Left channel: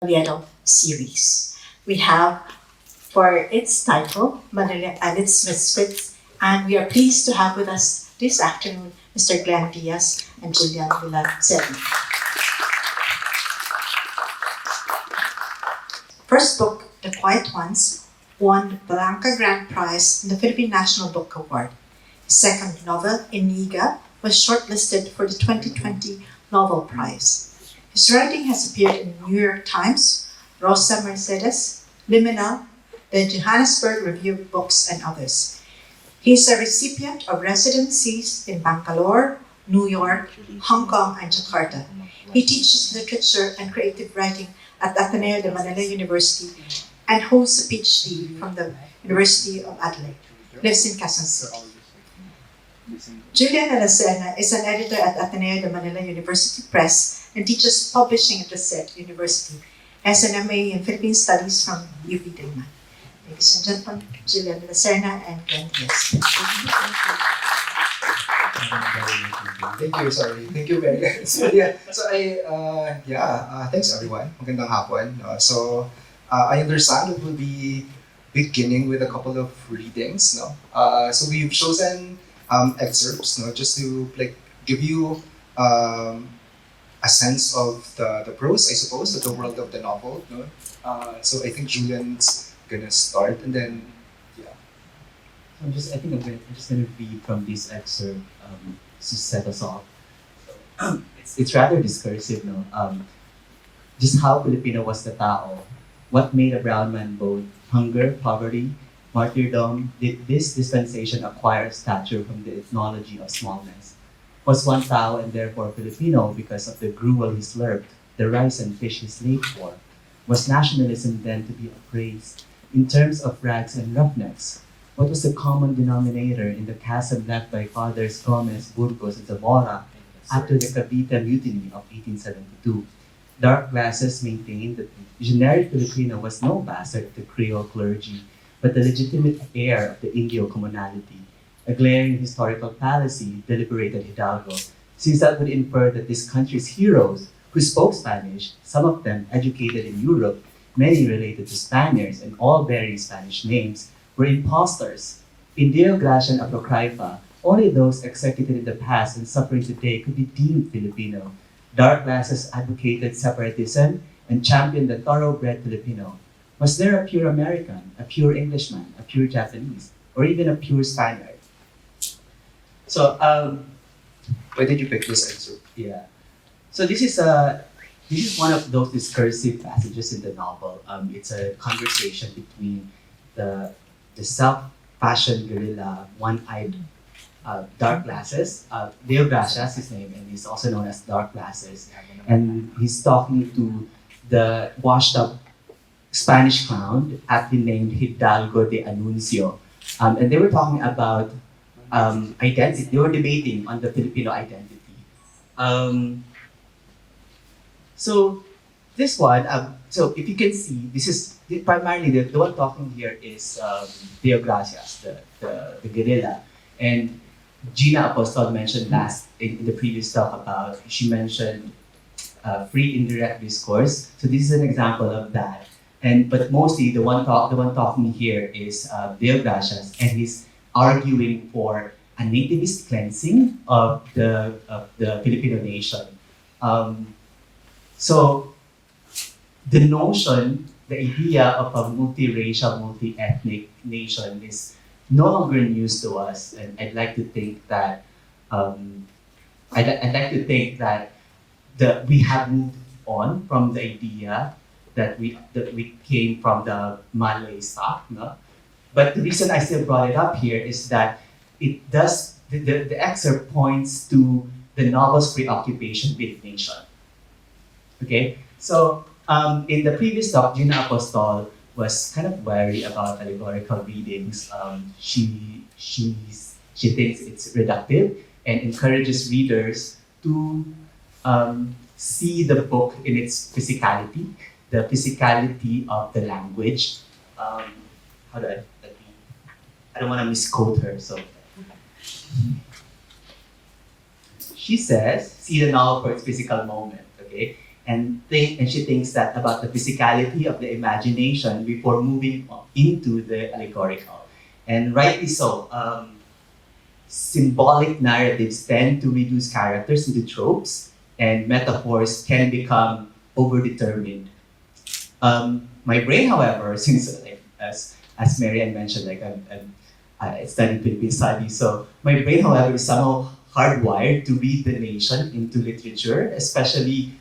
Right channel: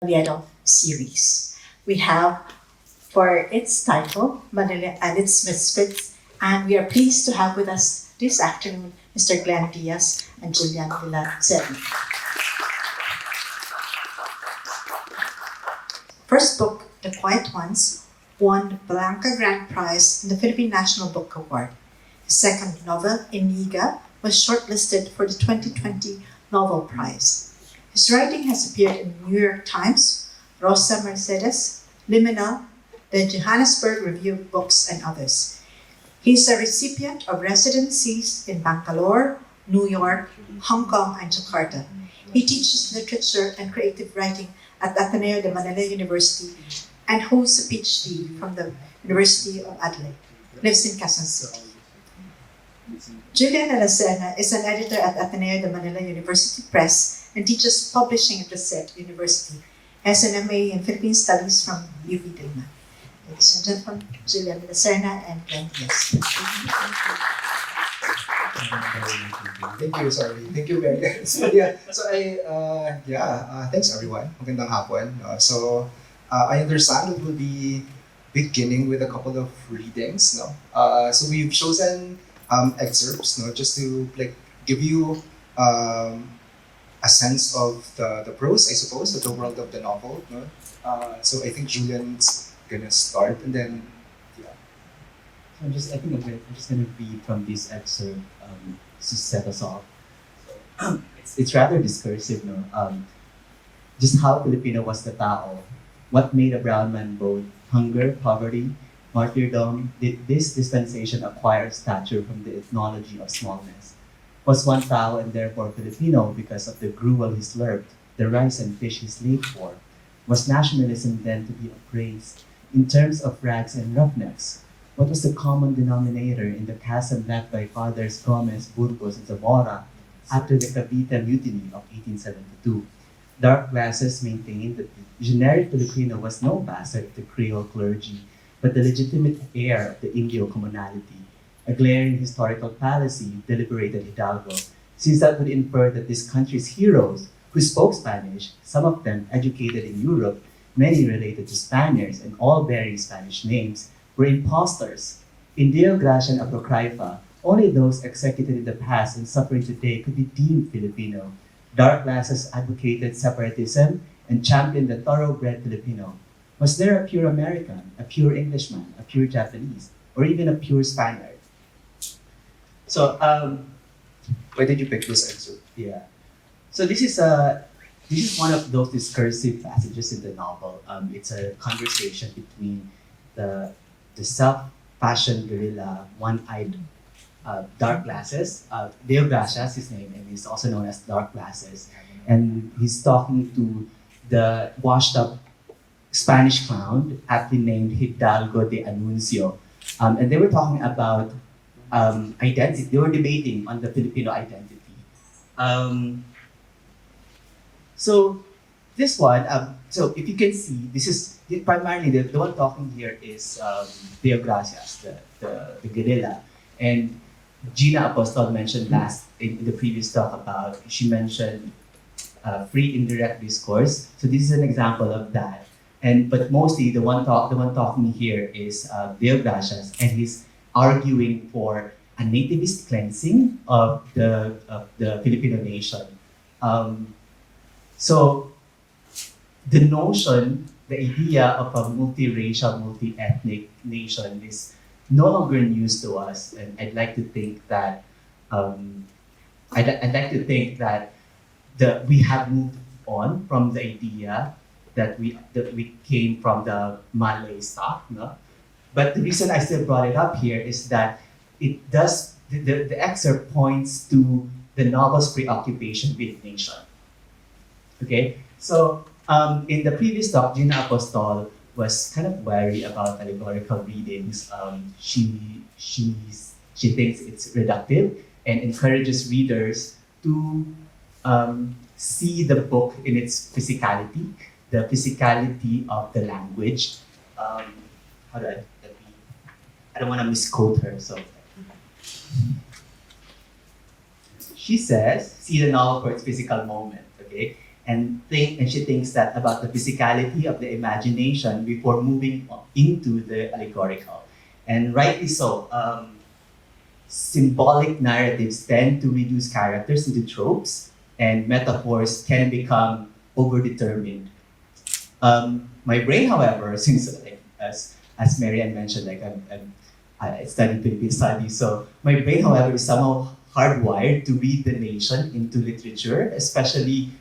Nolledo series. We have for its title, Manila and its Misfits, and we are pleased to have with us this afternoon Mr. Glenn Diaz and Julian Cerna. First book, The Quiet Ones, won the Blanca Grand Prize in the Philippine National Book Award. His second novel, Iniga, was shortlisted for the 2020 Novel Prize. His writing has appeared in the New York Times, Rosa Mercedes, Liminal, the Johannesburg Review of Books, and others. He is a recipient of residencies in Bangalore, New York, Hong Kong, and Jakarta. He teaches literature and creative writing at Ateneo de Manila University and holds a PhD from the University of Adelaide. Lives in Quezon City. Julian Cerna is an editor at Ateneo de Manila University Press and teaches publishing at the SET University. Has an MA in Philippine Studies from UP Dayman. Ladies and gentlemen, Julian Cerna and Glenn Diaz. Thank you, sorry. Thank you very much. Thanks everyone. Magandang hapon. I understand it will be beginning with a couple of readings, no? So we've chosen excerpts, no, just to give you a sense of the prose, I suppose, of the world of the novel, no? So I think Julian's gonna start, and then I'm just gonna read from this excerpt to set us off. It's rather discursive, no? Just how Filipino was the tao. What made a brown man both hunger, poverty, martyrdom? Did this dispensation acquire stature from the ethnology of smallness? Was one tao and therefore Filipino because of the gruel he slurped, the rice and fish he slaved for? Was nationalism then to be appraised in terms of rags and roughnecks? What was the common denominator in the chasm left by Fathers Gomez, Burgos, and Zamora after the Cavite Mutiny of 1872? Dark glasses maintained that the generic Filipino was no bastard of the Creole clergy, but the legitimate heir of the Indio commonality. A glaring historical fallacy, deliberated Hidalgo, since that would infer that this country's heroes, who spoke Spanish, some of them educated in Europe, many related to Spaniards and all bearing Spanish names, were impostors. In Deo Gracia and Apocrypha, only those executed in the past and suffering today could be deemed Filipino. Dark glasses advocated separatism and championed the thoroughbred Filipino. Was there a pure American, a pure Englishman, a pure Japanese, or even a pure Spaniard? So, why did you pick this excerpt? yeah. So this is one of those discursive passages in the novel. It's a conversation between the self-fashioned guerrilla, one-eyed, Dark Glasses. Deo Gracia is his name, and he's also known as Dark Glasses. And he's talking to the washed-up Spanish clown, aptly named Hidalgo de Anuncio. And they were talking about identity. They were debating on the Filipino identity. So this one, so if you can see, this is primarily the one talking here is Deo Gracias, the guerrilla. And Gina Apostol mentioned last in the previous talk about, she mentioned free indirect discourse. So this is an example of that. But mostly the one talking here is Deo Gracias, and he's arguing for a nativist cleansing of the Filipino nation. So the notion, the idea of a multiracial, multi-ethnic nation is no longer news to us, and I'd like to think that we have moved on from the idea that we came from the Malay stock, no? But the reason I still brought it up here is that it does the excerpt points to the novel's preoccupation with nation. Okay, so in the previous talk, Gina Apostol was kind of wary about allegorical readings. She thinks it's reductive and encourages readers to see the book in its physicality, the physicality of the language. I don't want to misquote her, so. She says, see the novel for its physical moment, okay? and she thinks that about the physicality of the imagination before moving into the allegorical. And rightly so. Symbolic narratives tend to reduce characters into tropes, and metaphors can become overdetermined. My brain, however, since as Marianne mentioned, I studied Philippine studies, so my brain, however, is somehow hardwired to read the nation into literature, especially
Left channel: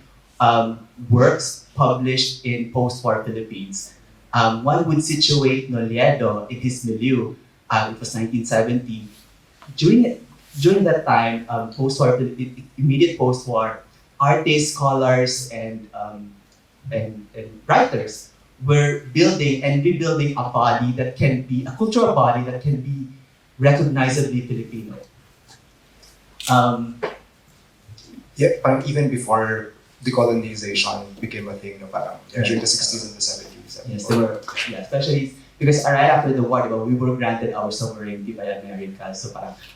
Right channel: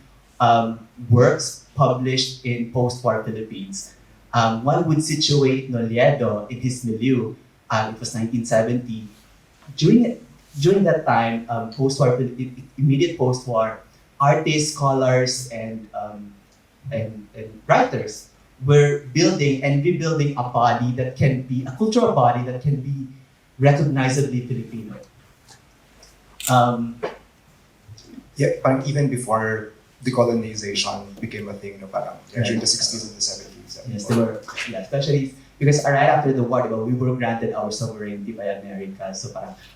works published in post-war Philippines. One would situate Nolledo in his milieu. It was 1970. During that time, post-war, immediate post-war, artists, scholars, and writers were building and rebuilding a body that can be a cultural body that can be recognizably Filipino. Parang even before decolonization became a thing, no, parang during the 60s and the 70s. Yes, they were, especially because right after the war, we were granted our sovereignty by America.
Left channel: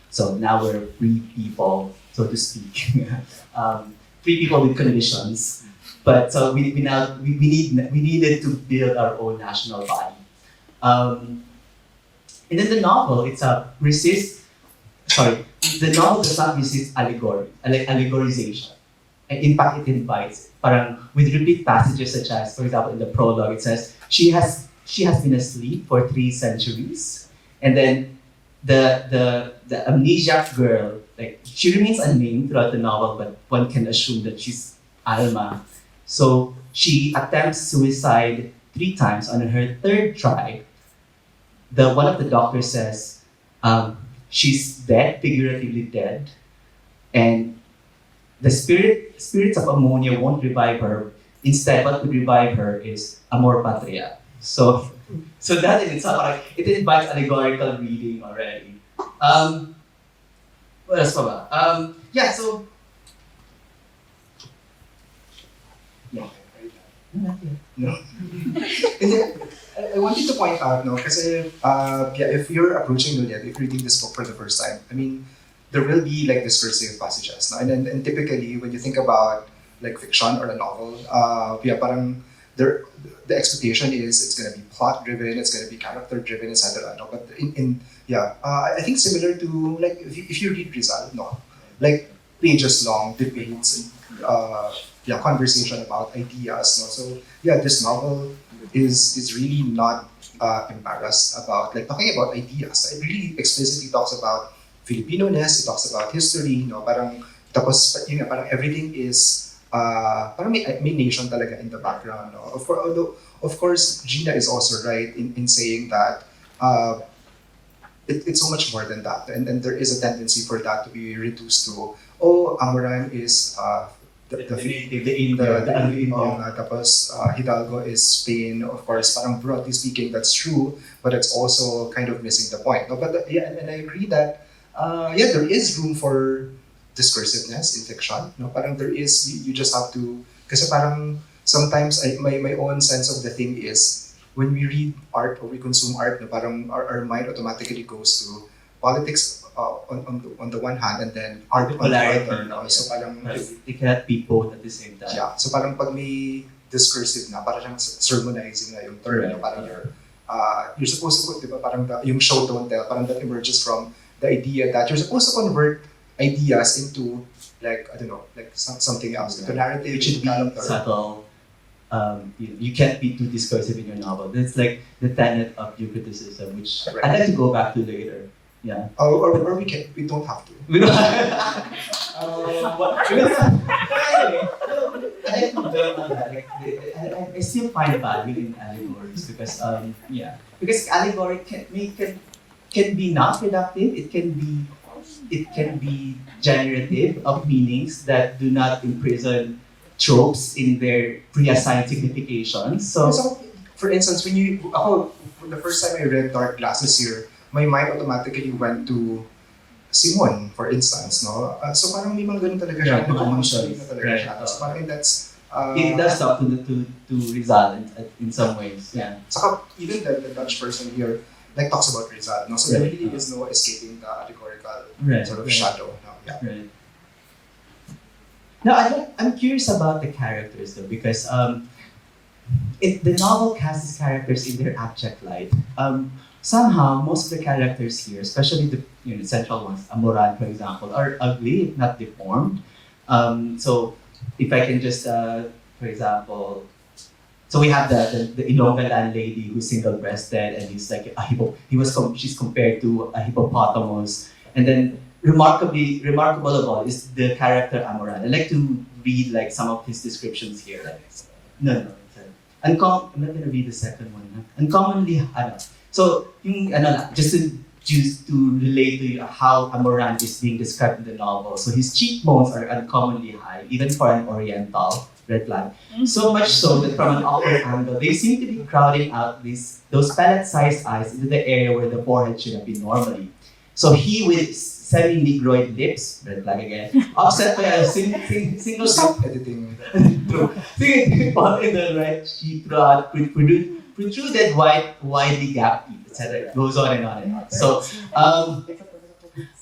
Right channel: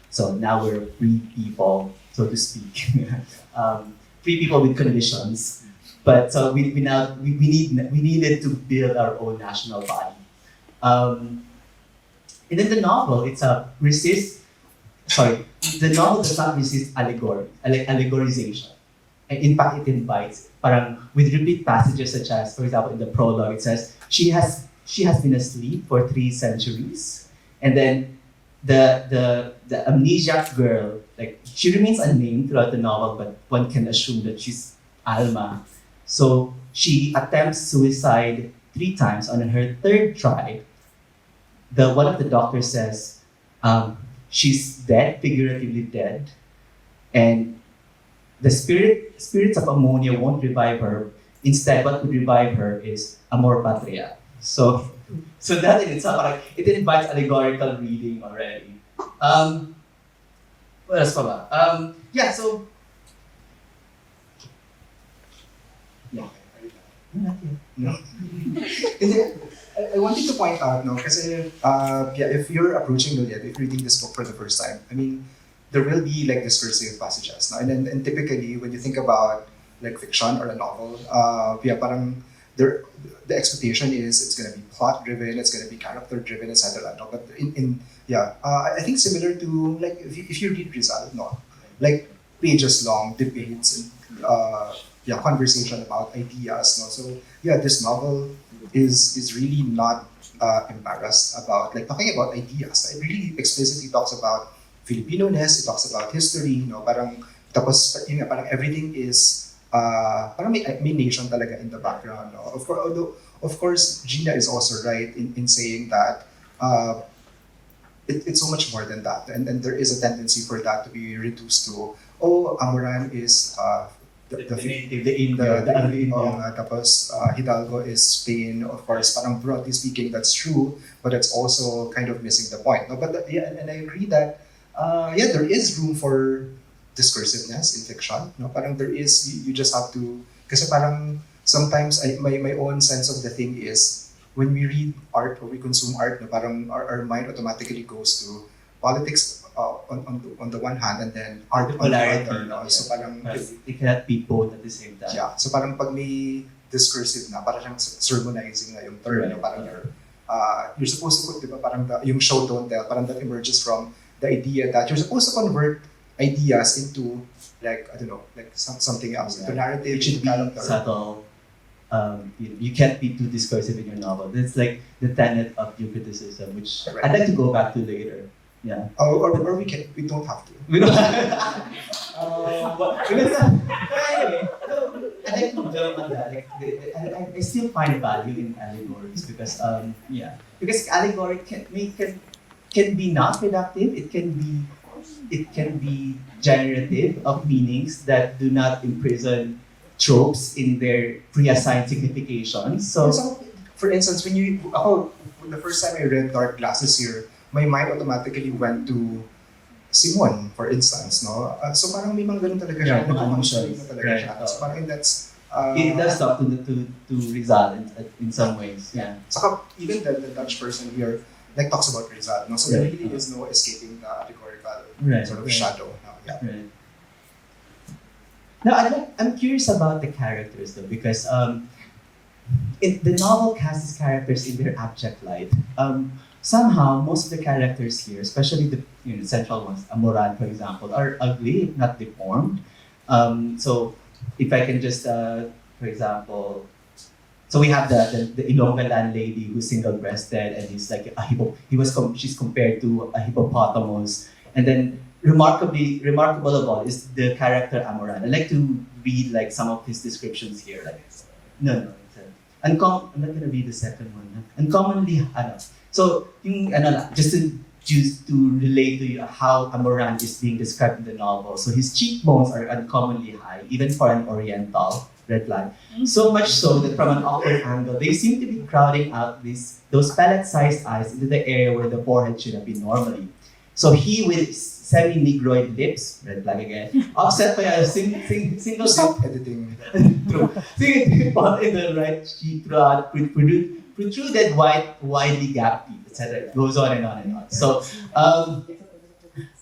So now we're free people, so to speak. Free people with conditions. But so we needed to build our own national body. And then the novel, the novel does not resist allegorization. And in fact, it invites, with repeat passages such as, for example, in the prologue, it says, she has been asleep for 3 centuries. And then the amnesiac girl, she remains unnamed throughout the novel, but one can assume that she's Alma. So she attempts suicide 3 times. On her 3rd try, one of the doctors says she's dead, figuratively dead, and the spirits of ammonia won't revive her. Instead, what would revive her is amor patria. So that in itself, it invites allegorical reading already. What else pa ba? So No. I wanted to point out, because if you're approaching Nolledo, if you're reading this book for the first time, I mean, there will be discursive passages, no? And typically when you think about fiction or a novel, parang the expectation is it's gonna be plot driven, it's gonna be character driven, etc. No? But I think similar to if you read Rizal, pages long debates and conversation about ideas. No? So this novel is really not embarrassed about talking about ideas. It really explicitly talks about Filipino-ness, it talks about history, parang everything is parang may nation talaga in the background. No? Of course, Gina is also right in saying that it's so much more than that, and there is a tendency for that to be reduced to Amoran is tapos Hidalgo is Spain. Of course, parang broadly speaking, that's true, but it's also kind of missing the point. No? But and I agree that there is room for discursiveness in fiction. No? Parang there is, you just have to, kasi parang sometimes my own sense of the thing is when we read art or we consume art, no, parang our mind automatically goes to politics on the one hand, and then art on the other. No? So parang they cannot be both at the same time. Yeah. So parang pag may discursive na, parang sermonizing na yung term. Right. No? Parang you're supposed to put, diba, parang yung show don't tell, parang that emerges from the idea that you're supposed to convert ideas into something else. The narrative It should be subtle. You can't be too discursive in your novel. That's the tenet of your criticism, which I'd like to go back to later. Yeah. Or we don't have to. We don't have I still find value in allegories because allegory can be not reductive. It can be generative of meanings that do not imprison tropes in their pre-assigned significations. So for instance, when the first time I read Dark Glasses here, my mind automatically went to Simon, for instance, no? So parang may mga ganun talaga siya. So parang that's it does talk to Rizal in some ways. Yeah. Saka even the Dutch person here talks about Rizal, no? So there really is no escaping the allegorical sort of shadow. No? Yeah. Right. No, I'm curious about the characters though, because the novel casts characters in their abject light. Somehow, most of the characters here, especially the central ones, Amoran, for example, are ugly, not deformed. So, if I can just, for example, so we have the inaugural lady who's single-breasted, and he's like she's compared to a hippopotamus, and then remarkable of all is the character Amoran. I'd like to read like some of his descriptions here. Like, no. I'm not gonna read the second one. No? Uncommonly, so yung just to relate to you how Amoran is being described in the novel. So his cheekbones are uncommonly high, even for an Oriental. Red flag. So much so that from an upward angle, they seem to be crowding out those pellet-sized eyes into the area where the forehead should have been normally. So he with semi-negroid lips, red flag again, offset by a single Editing. single spot in the right cheek throughout protruded white, widely gapped teeth, etc. It goes on and on and on.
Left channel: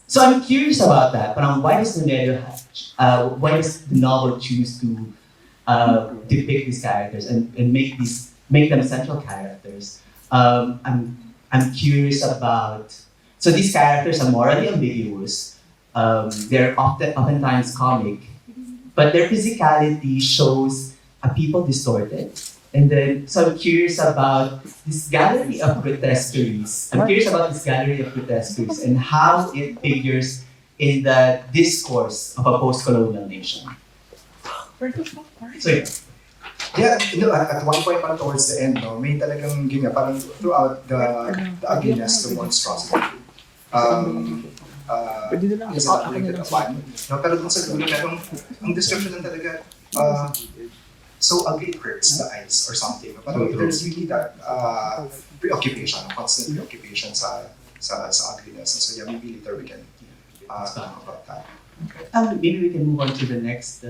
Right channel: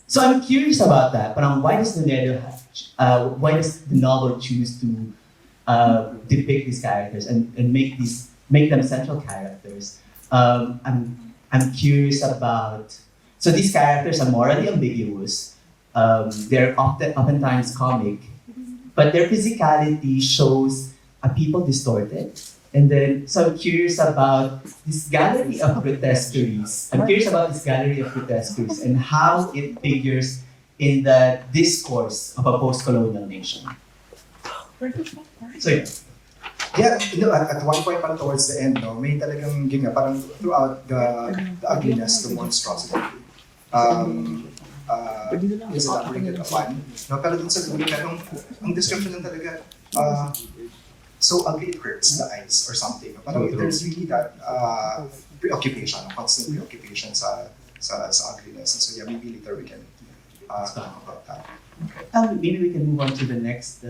So I'm curious about that. Why does why does the novel choose to depict these characters and make them central characters? I'm curious about. So these characters are morally ambiguous. They're oftentimes comic, but their physicality shows a people distorted. And then, so I'm curious about this gallery of grotesqueries. And how it figures in the discourse of a post-colonial nation. So yeah. At one point pa towards the end, may talagang parang throughout the ugliness, the monstrosity. Is not related to fun. Pero dun sa dulo, ang description lang talaga, so ugly it hurts the eyes or something. Parang there's really that preoccupation, constant preoccupation sa ugliness. And so yeah, maybe later we can talk about that. Okay. Maybe we can move on to the next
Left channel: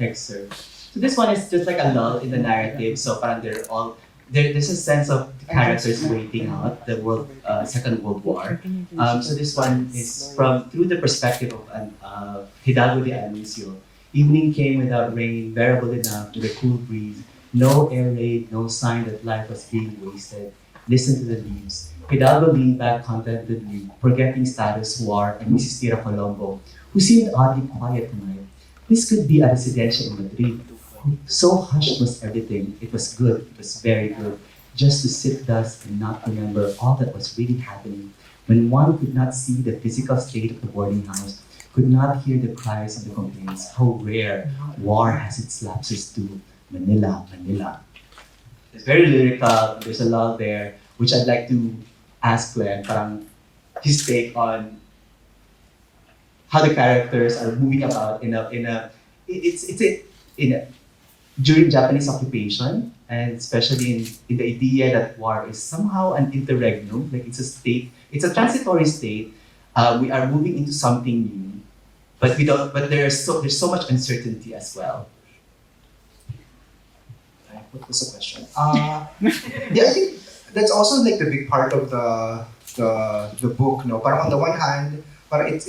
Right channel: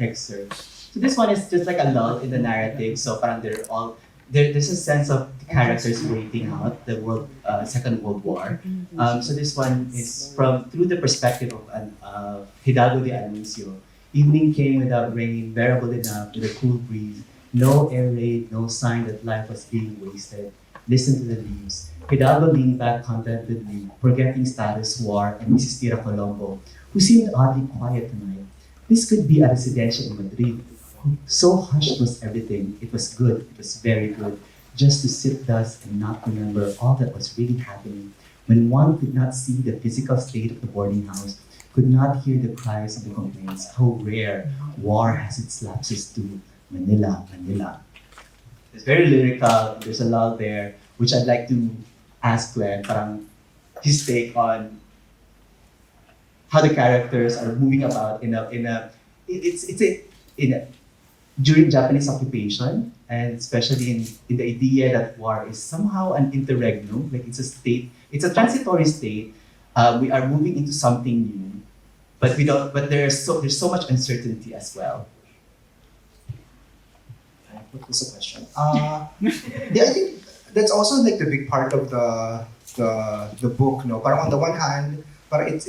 excerpt. So this one is just like a lull in the narrative. So parang there's a sense of the characters waiting out the Second World War. So this one is through the perspective of Hidalgo de Anuncio. Evening came without rain, bearable enough with a cool breeze. No air raid, no sign that life was being wasted. Listen to the leaves. Hidalgo leaned back contentedly, forgetting status, war, and Mrs. Tira Colombo, who seemed oddly quiet tonight. This could be a residential in Madrid. So hushed was everything. It was good. It was very good. Just to sit thus and not remember all that was really happening. When one could not see the physical state of the boarding house, could not hear the cries of the complaints. How rare war has its lapses to Manila, Manila. It's very lyrical. There's a lot there, which I'd like to ask Glenn his take on how the characters are moving about during Japanese occupation, and especially in the idea that war is somehow an interregnum, like it's a state, it's a transitory state. We are moving into something new, but we don't. But there's so much uncertainty as well. What was the question? Yeah, I think that's also like the big part of the book. No, parang on the one hand, parang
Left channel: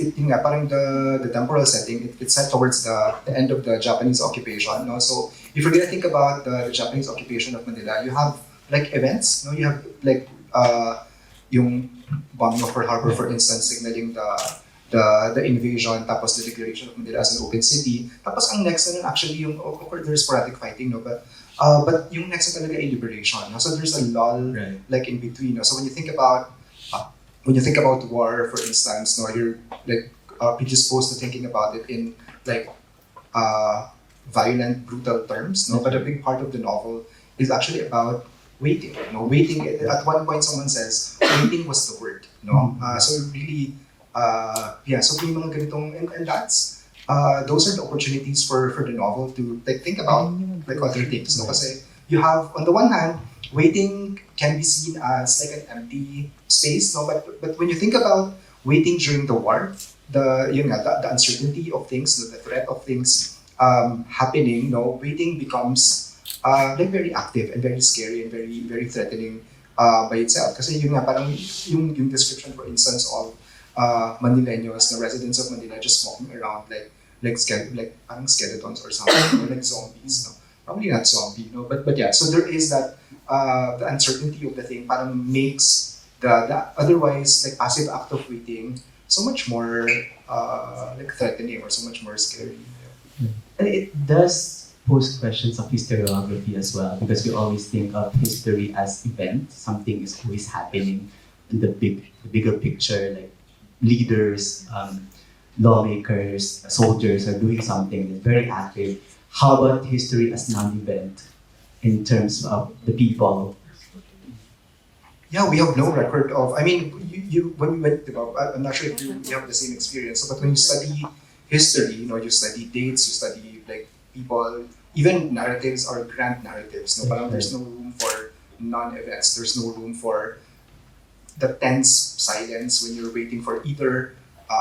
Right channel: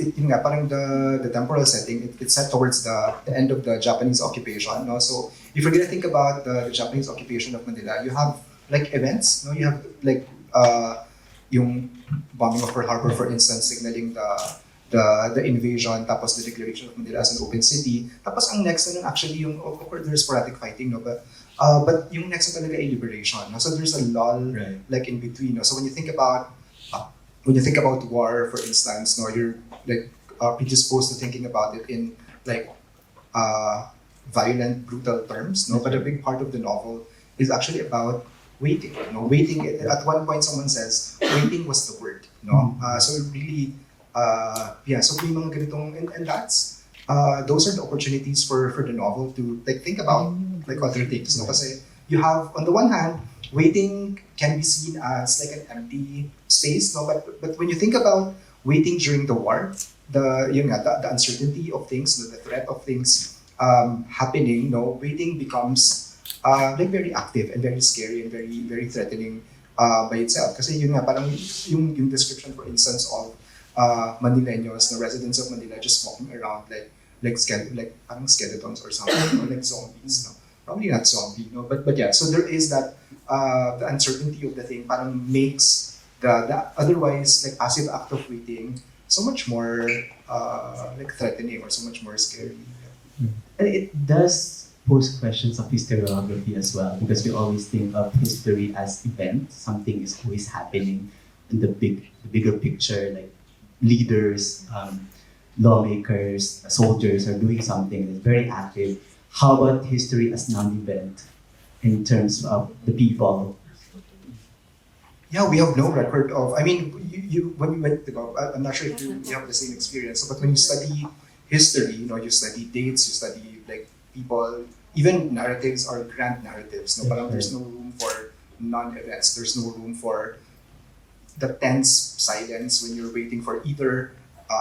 parang the temporal setting. It's set towards the end of the Japanese occupation. No, so if you're gonna think about the Japanese occupation of Manila, you have like events. No, you have like yung bombing of Pearl Harbor, for instance, signaling the invasion, tapos the declaration of Manila as an open city. Tapos ang next actually yung of course there's sporadic fighting, no, but yung next na talaga ay liberation. No? So there's a lull like in between. No? So when you think about war, for instance, no, you're like predisposed to thinking about it in like violent, brutal terms. No, but a big part of the novel is actually about waiting. No, waiting. At one point, someone says waiting was the word. No, so really, So yung mga ganitong and that's those are the opportunities for the novel to like think about like other things. No, kasi you have on the one hand, waiting can be seen as like an empty space. No, but when you think about waiting during the war, the uncertainty of things, the threat of things happening, no, waiting becomes like very active and very scary and very very threatening by itself. Kasi yun nga parang yung description, for instance, of Manileños, the residents of Manila just walking around like like skeletons or something, or like zombies, no? Probably not zombie, no? But yeah, so there is that the uncertainty of the thing parang makes the otherwise like passive act of reading so much more like threatening or so much more scary. And it does pose questions of historiography as well, because we always think of history as event. Something is always happening in the bigger picture, like leaders, lawmakers, soldiers are doing something that's very active. How about history as non-event in terms of the people? Yeah, we have no record of. I mean, you when you went, I'm not sure if you have the same experience, but when you study history, you study dates, you study like people, even narratives are grand narratives. No, parang there's no room for non-events. There's no room for the tense silence when you're waiting for either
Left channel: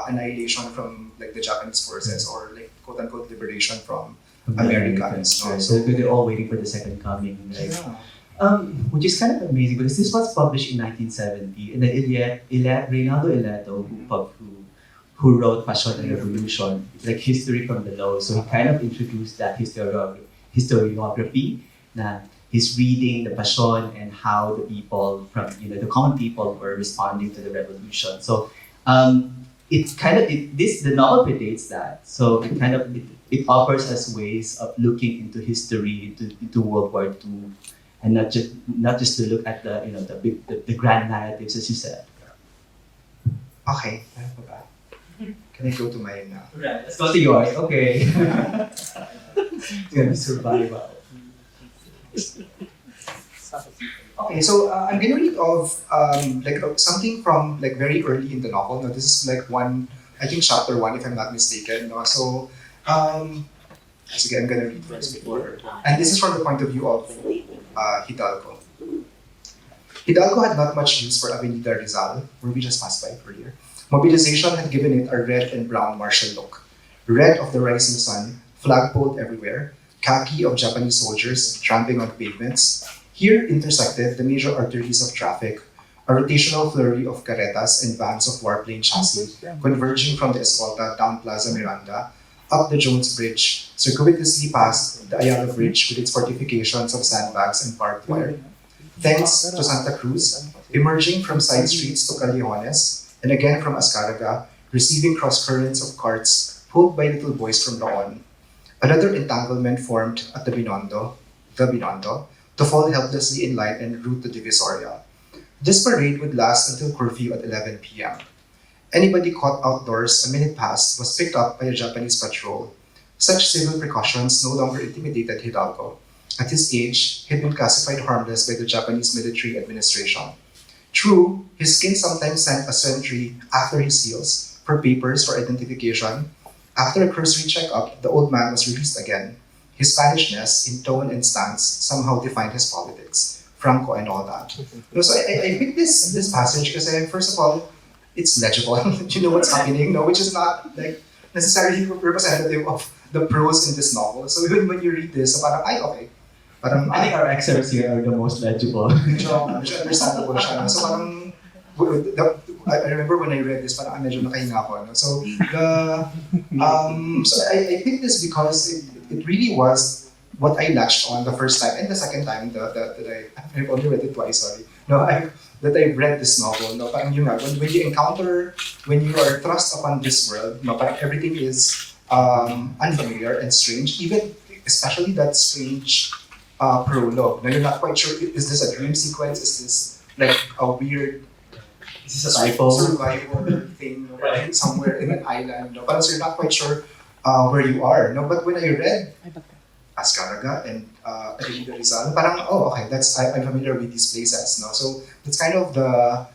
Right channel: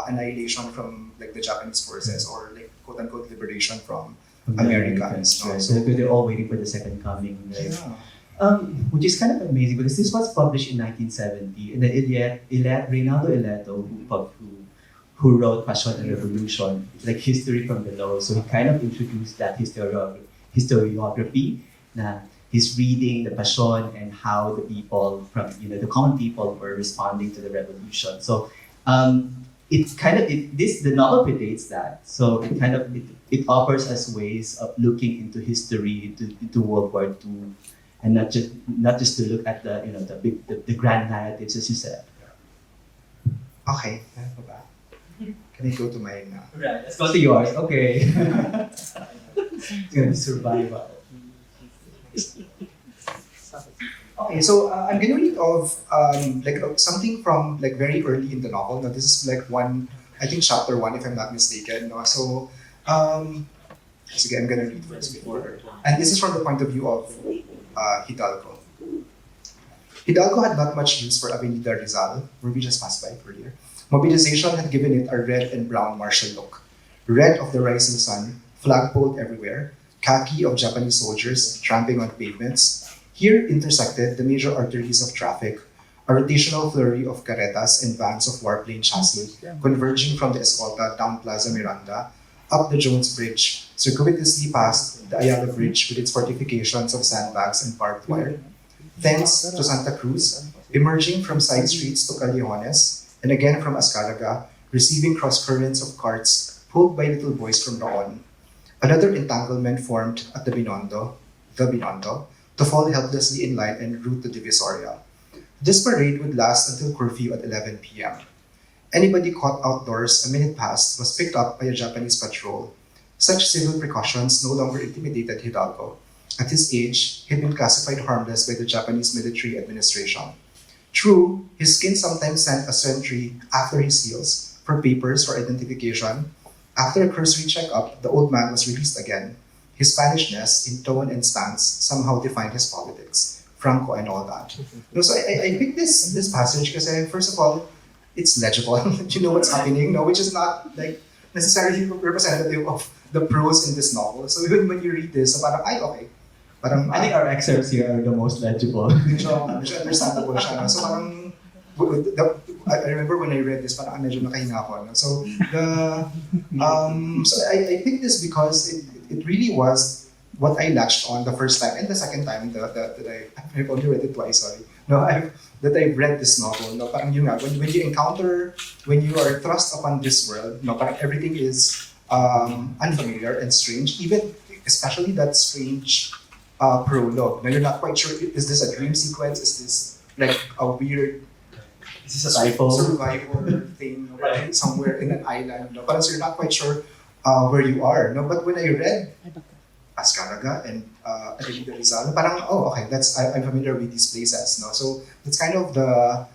annihilation from like the Japanese forces or like quote unquote liberation from Americans. No? Right. So they're all waiting for the second coming. Right? Which is kind of amazing because this was published in 1970, and then Reynaldo Ileto, who wrote Passion and Revolution, like history from below. So he kind of introduced that historiography. Na he's reading the Passion and how the people from the common people were responding to the revolution. So the novel predates that. So it offers us ways of looking into history, into World War II, and not just to look at the grand narratives, as you said. Okay, can I go to mine now? Right, let's go to yours. Okay. It's gonna be survival. Okay, so I'm gonna read of something from like very early in the novel. Now this is like chapter 1 if I'm not mistaken. No? So again, I'm gonna read first before, and this is from the point of view of Hidalgo. Hidalgo had not much use for Avenida Rizal, where we just passed by earlier. Mobilization had given it a red and brown martial look. Red of the rising sun, flagpole everywhere, khaki of Japanese soldiers tramping on pavements. Here intersected the major arteries of traffic, a rotational flurry of carretas and vans of warplane chassis converging from the Escolta down Plaza Miranda, up the Jones Bridge, circuitously past the Ayala Bridge with its fortifications of sandbags and barbed wire. Thence to Santa Cruz, emerging from side streets to Callejones, and again from Azcárraga, receiving cross-currents of carts pulled by little boys from Roon. Another entanglement formed at the Binondo, to fall helplessly in line en route to Divisoria. This parade would last until curfew at 11 p.m. Anybody caught outdoors a minute past was picked up by a Japanese patrol. Such civil precautions no longer intimidated Hidalgo. At his age, he'd been classified harmless by the Japanese military administration. True, his skin sometimes sent a sentry after his heels for papers for identification. After a cursory checkup, the old man was released again. His Spanishness in tone and stance somehow defined his politics, Franco and all that. So I picked this passage because first of all, it's legible. You know what's happening, which is not like necessarily representative of the prose in this novel. So even when you read this, parang, okay. Parang, I think our excerpts here are the most legible. Medyo understandable siya. So parang, I remember when I read this, parang medyo nakahinga ako. No? So I picked this because it really was what I latched on the first time and the second time that I've only read it twice. Sorry, that I read this novel. No, parang yun nga, when you are thrust upon this world, parang everything is unfamiliar and strange. Even especially that strange prologue. Now you're not quite sure, is this a dream sequence? Is this like a weird survivor thing somewhere in an island? No? But so you're not quite sure where you are. No? But when I read Azcárraga and Avenida Rizal, parang, okay, I'm familiar with these places. No? So that's kind of the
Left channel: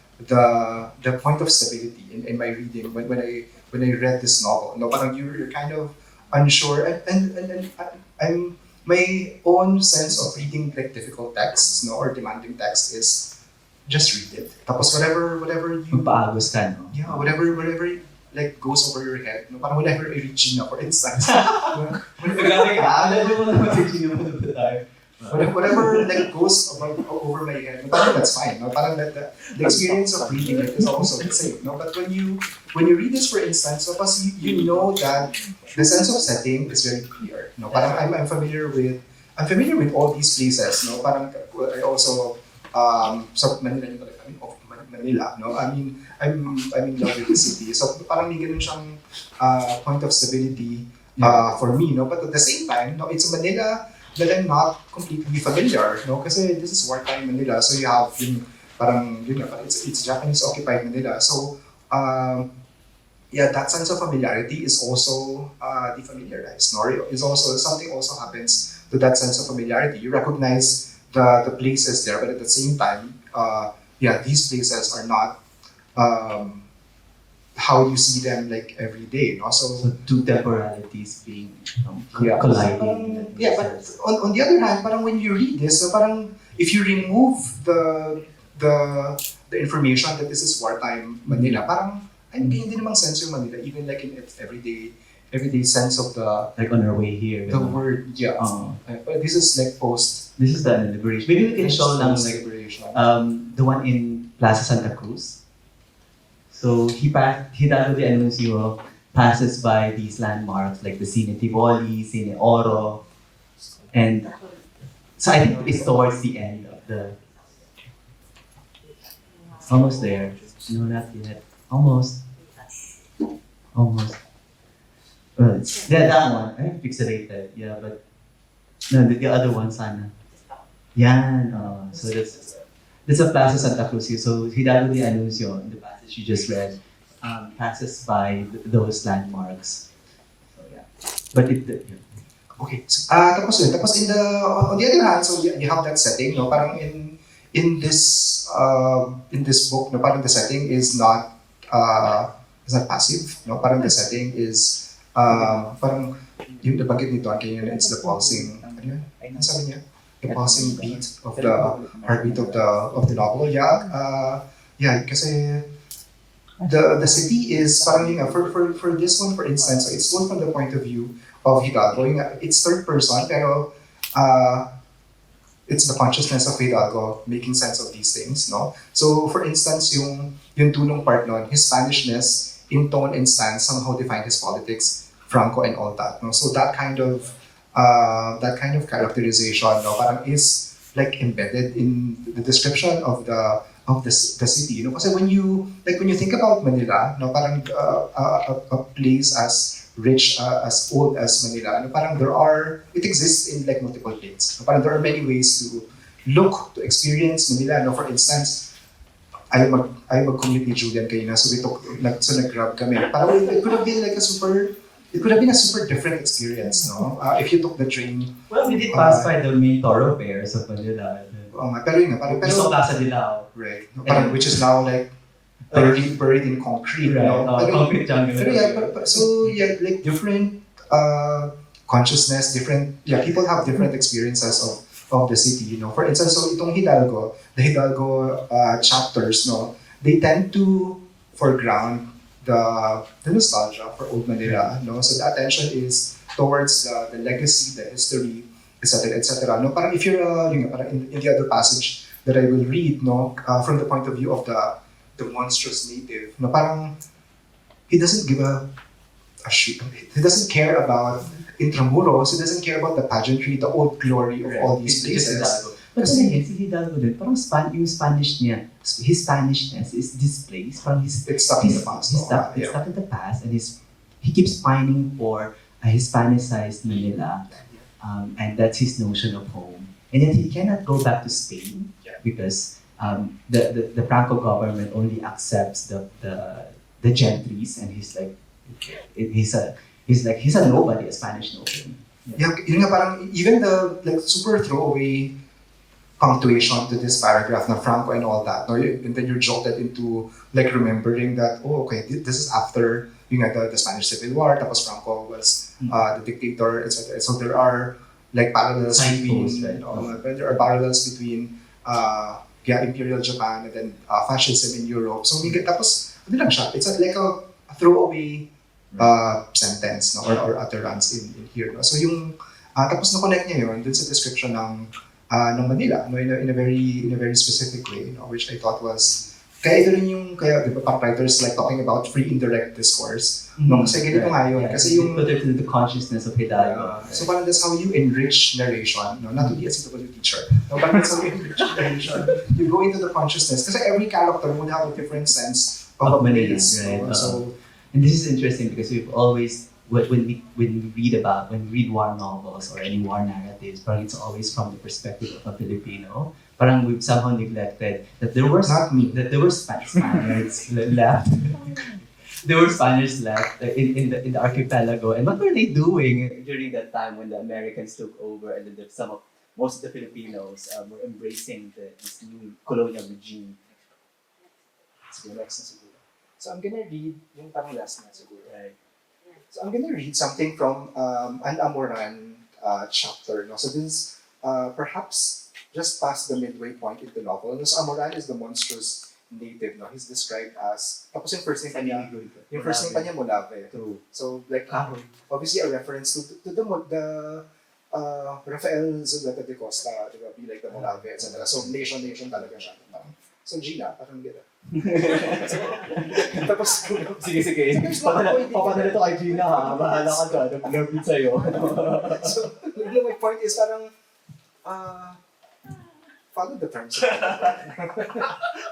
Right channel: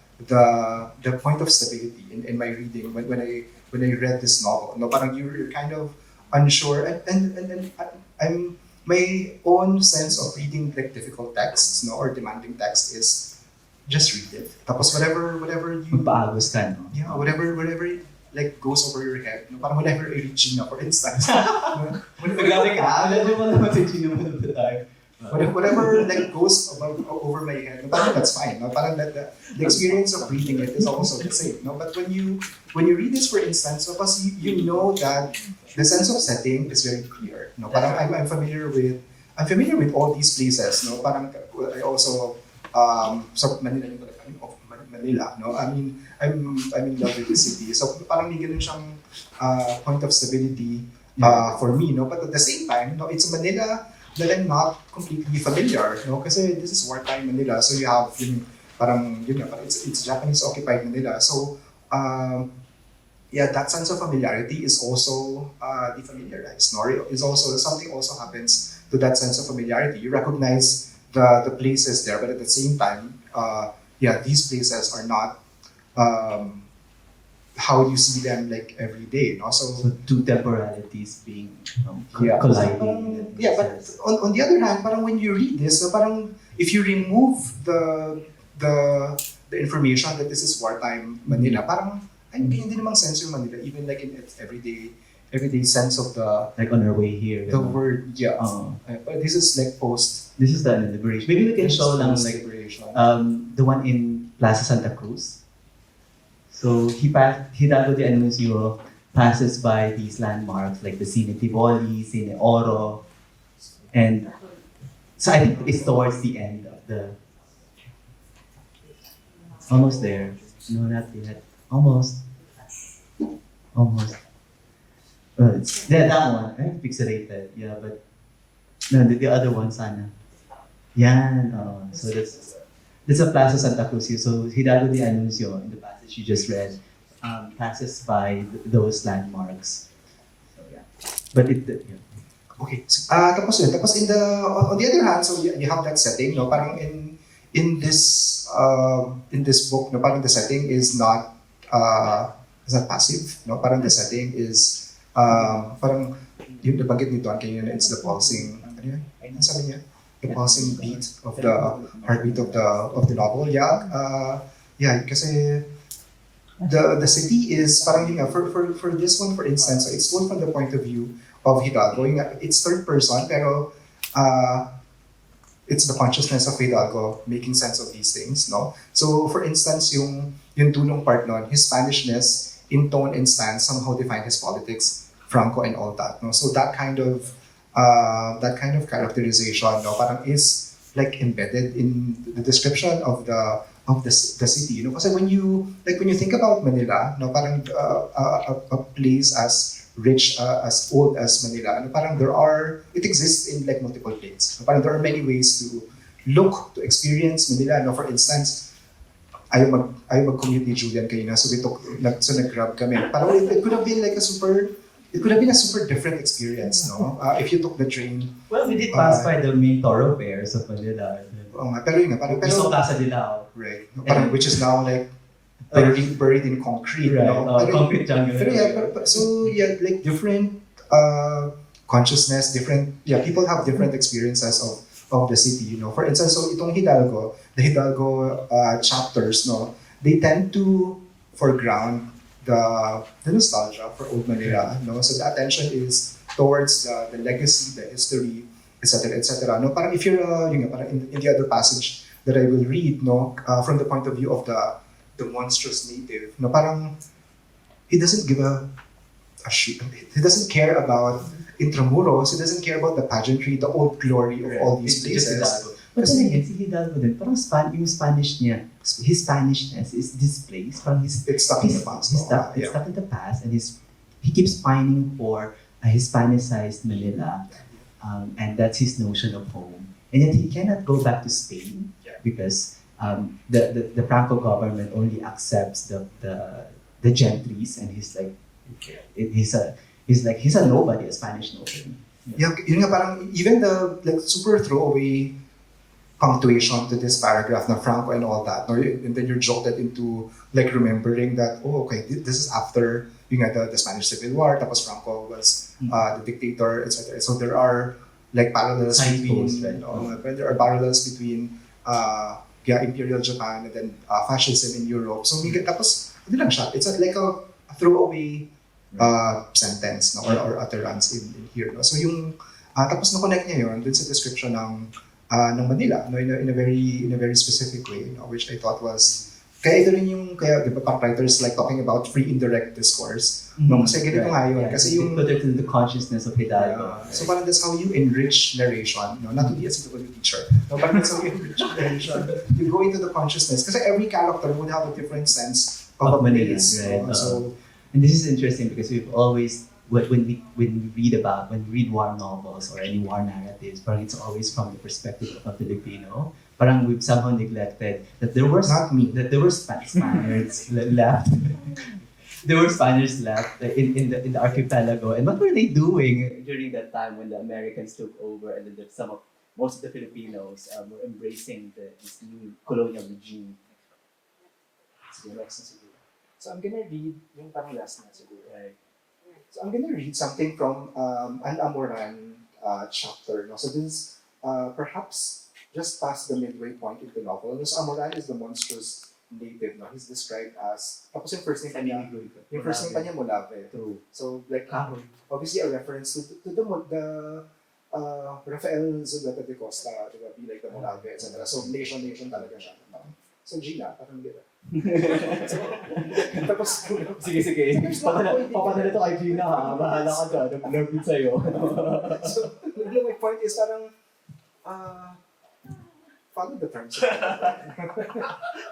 point of stability in my reading when I read this novel. No? Parang you're kind of unsure and I'm my own sense of reading like difficult texts, or demanding text is just read it. Tapos whatever you Magpaagos ka, no? Yeah, whatever like goes over your head. No, parang whenever I read Gina, for instance. Magkakaya, alam mo naman si Gina mo the time. Whatever like goes over my head, no, parang that's fine. No? Parang the experience of reading it is also the same. No? But when you read this, for instance, no, you know that the sense of setting is very clear. No? Parang I'm familiar with all these places. No? Parang I also sa Manila yung talaga, Manila. No? I mean I'm in love with the city. So parang may ganun siyang point of stability for me. No? But at the same time, no, it's Manila that I'm not completely familiar, no? Kasi this is wartime Manila, so you have parang it's Japanese occupied Manila. So that sense of familiarity is also defamiliarized. No? Is also something also happens to that sense of familiarity. You recognize the places there, but at the same time, these places are not how you see them like every day. No? So two temporalities being colliding. But on the other hand, parang when you read this, so parang if you remove the information that this is wartime Manila, parang hindi namang sense yung Manila, even like in its everyday sense of the like on our way here. The word, but this is like post. This is the liberation. Maybe we can show lang like the one in Plaza Santa Cruz. So Hidalgo de Anuncio passes by these landmarks like the Cine Tivoli, Cine Oro, and so I think it's towards the end of the. Almost there. No, not yet. Almost. That one, right? Pixelated. Yeah, but no, the other one, sana. Yan. So that's a Plaza Santa Cruz. So Hidalgo de Anuncio, in the passage you just read, passes by those landmarks. So yeah, but Okay. Tapos on the other hand, so you have that setting, no? Parang in this book, no? Parang the setting is not passive, no? Parang the setting is parang yung nabanggit nito kanina, it's the pulsing. Ano yun? Sabi niya? The pulsing beat of the heartbeat of the novel. Kasi the city is parang for this one, for instance, it's told from the point of view of Hidalgo. It's third person, pero it's the consciousness of Hidalgo making sense of these things, no? So for instance, yung tulong part nun, his Spanishness in tone and stance somehow defined his politics, Franco and all that, no? So that kind of characterization, no, parang is like embedded in the description of the city, you know. Kasi when you think about Manila, no, parang a place as rich as old as Manila, no, parang it exists in like multiple planes. No, parang there are many ways to look to experience Manila. No, for instance, I mag-commute ni Julian kanina, so nag-grab kami. Parang it could have been like a super different experience, no? If you took the train. Well, we did pass by the main thoroughfares of Manila. Pero yun nga, We saw Casa Dilao. Right. Parang, which is now like buried in concrete, right. no? Concrete jungle. So like different consciousness, people have different experiences of the city, you know. For instance, so itong Hidalgo, the Hidalgo chapters, no, they tend to foreground the nostalgia for old Manila, no. So the attention is towards the legacy, the history, etc., etc. No, parang if you're parang in the other passage that I will read, no, from the point of view of the monstrous native, no, parang he doesn't give a shit. He doesn't care about Intramuros. He doesn't care about the pageantry, the old glory of all these places. But then again, si Hidalgo din, parang yung Spanish niya, his Spanishness is displaced from his... It's stuck in the past. It's stuck in the past, and he keeps pining for a Hispanicized Manila, and that's his notion of home. And yet he cannot go back to Spain because the Franco government only accepts the gentries, and he's a nobody, a Spanish nobody. Yun nga, parang even the like super throwaway punctuation to this paragraph na Franco and all that, no? And then you're jolted into like remembering that, this is after the Spanish Civil War, tapos Franco was the dictator, etc. So there are like parallels between imperial Japan and then fascism in Europe. So tapos ano lang siya, it's like a throwaway sentence, no, or utterance in here, no? So yung tapos na-connect niya yun dun sa description ng ng Manila, no, in a very specific way, no, which I thought was kaya ito rin yung kaya di ba writers like talking about free indirect discourse, no, kasi ganito nga yun, kasi yung put it into the consciousness of Hidalgo. so parang that's how you enrich narration, no, not to be a suitable teacher, no, but that's how you enrich narration. You go into the consciousness kasi every character would have a different sense of Manila, place, right? no? So and this is interesting because we've always when we read war novels or any war narratives, parang it's always from the perspective of a Filipino. Parang we've somehow neglected that there were Spaniards left. There were Spaniards left in the archipelago, and what were they doing during that time when the Americans took over and then most of the Filipinos were embracing this new colonial regime? siguro next na siguro. So I'm gonna read yung parang last na siguro. Right. So I'm gonna read something from an Amoran chapter. No? So this is perhaps just past the midway point in the novel. So Amoran is the monstrous native. No? He's described as, tapos yung first name pa niya, Molave. True. So like obviously a reference to the Rafael Zuleta de Costa, diba, be like the Molave, etc. So nation talaga siya. So Gina, parang gano'n. So, tapos Sige. Papadala to kay Gina ha. Bahala ka dyan. Nag-nerve sa'yo. So, my point is parang, follow the terms.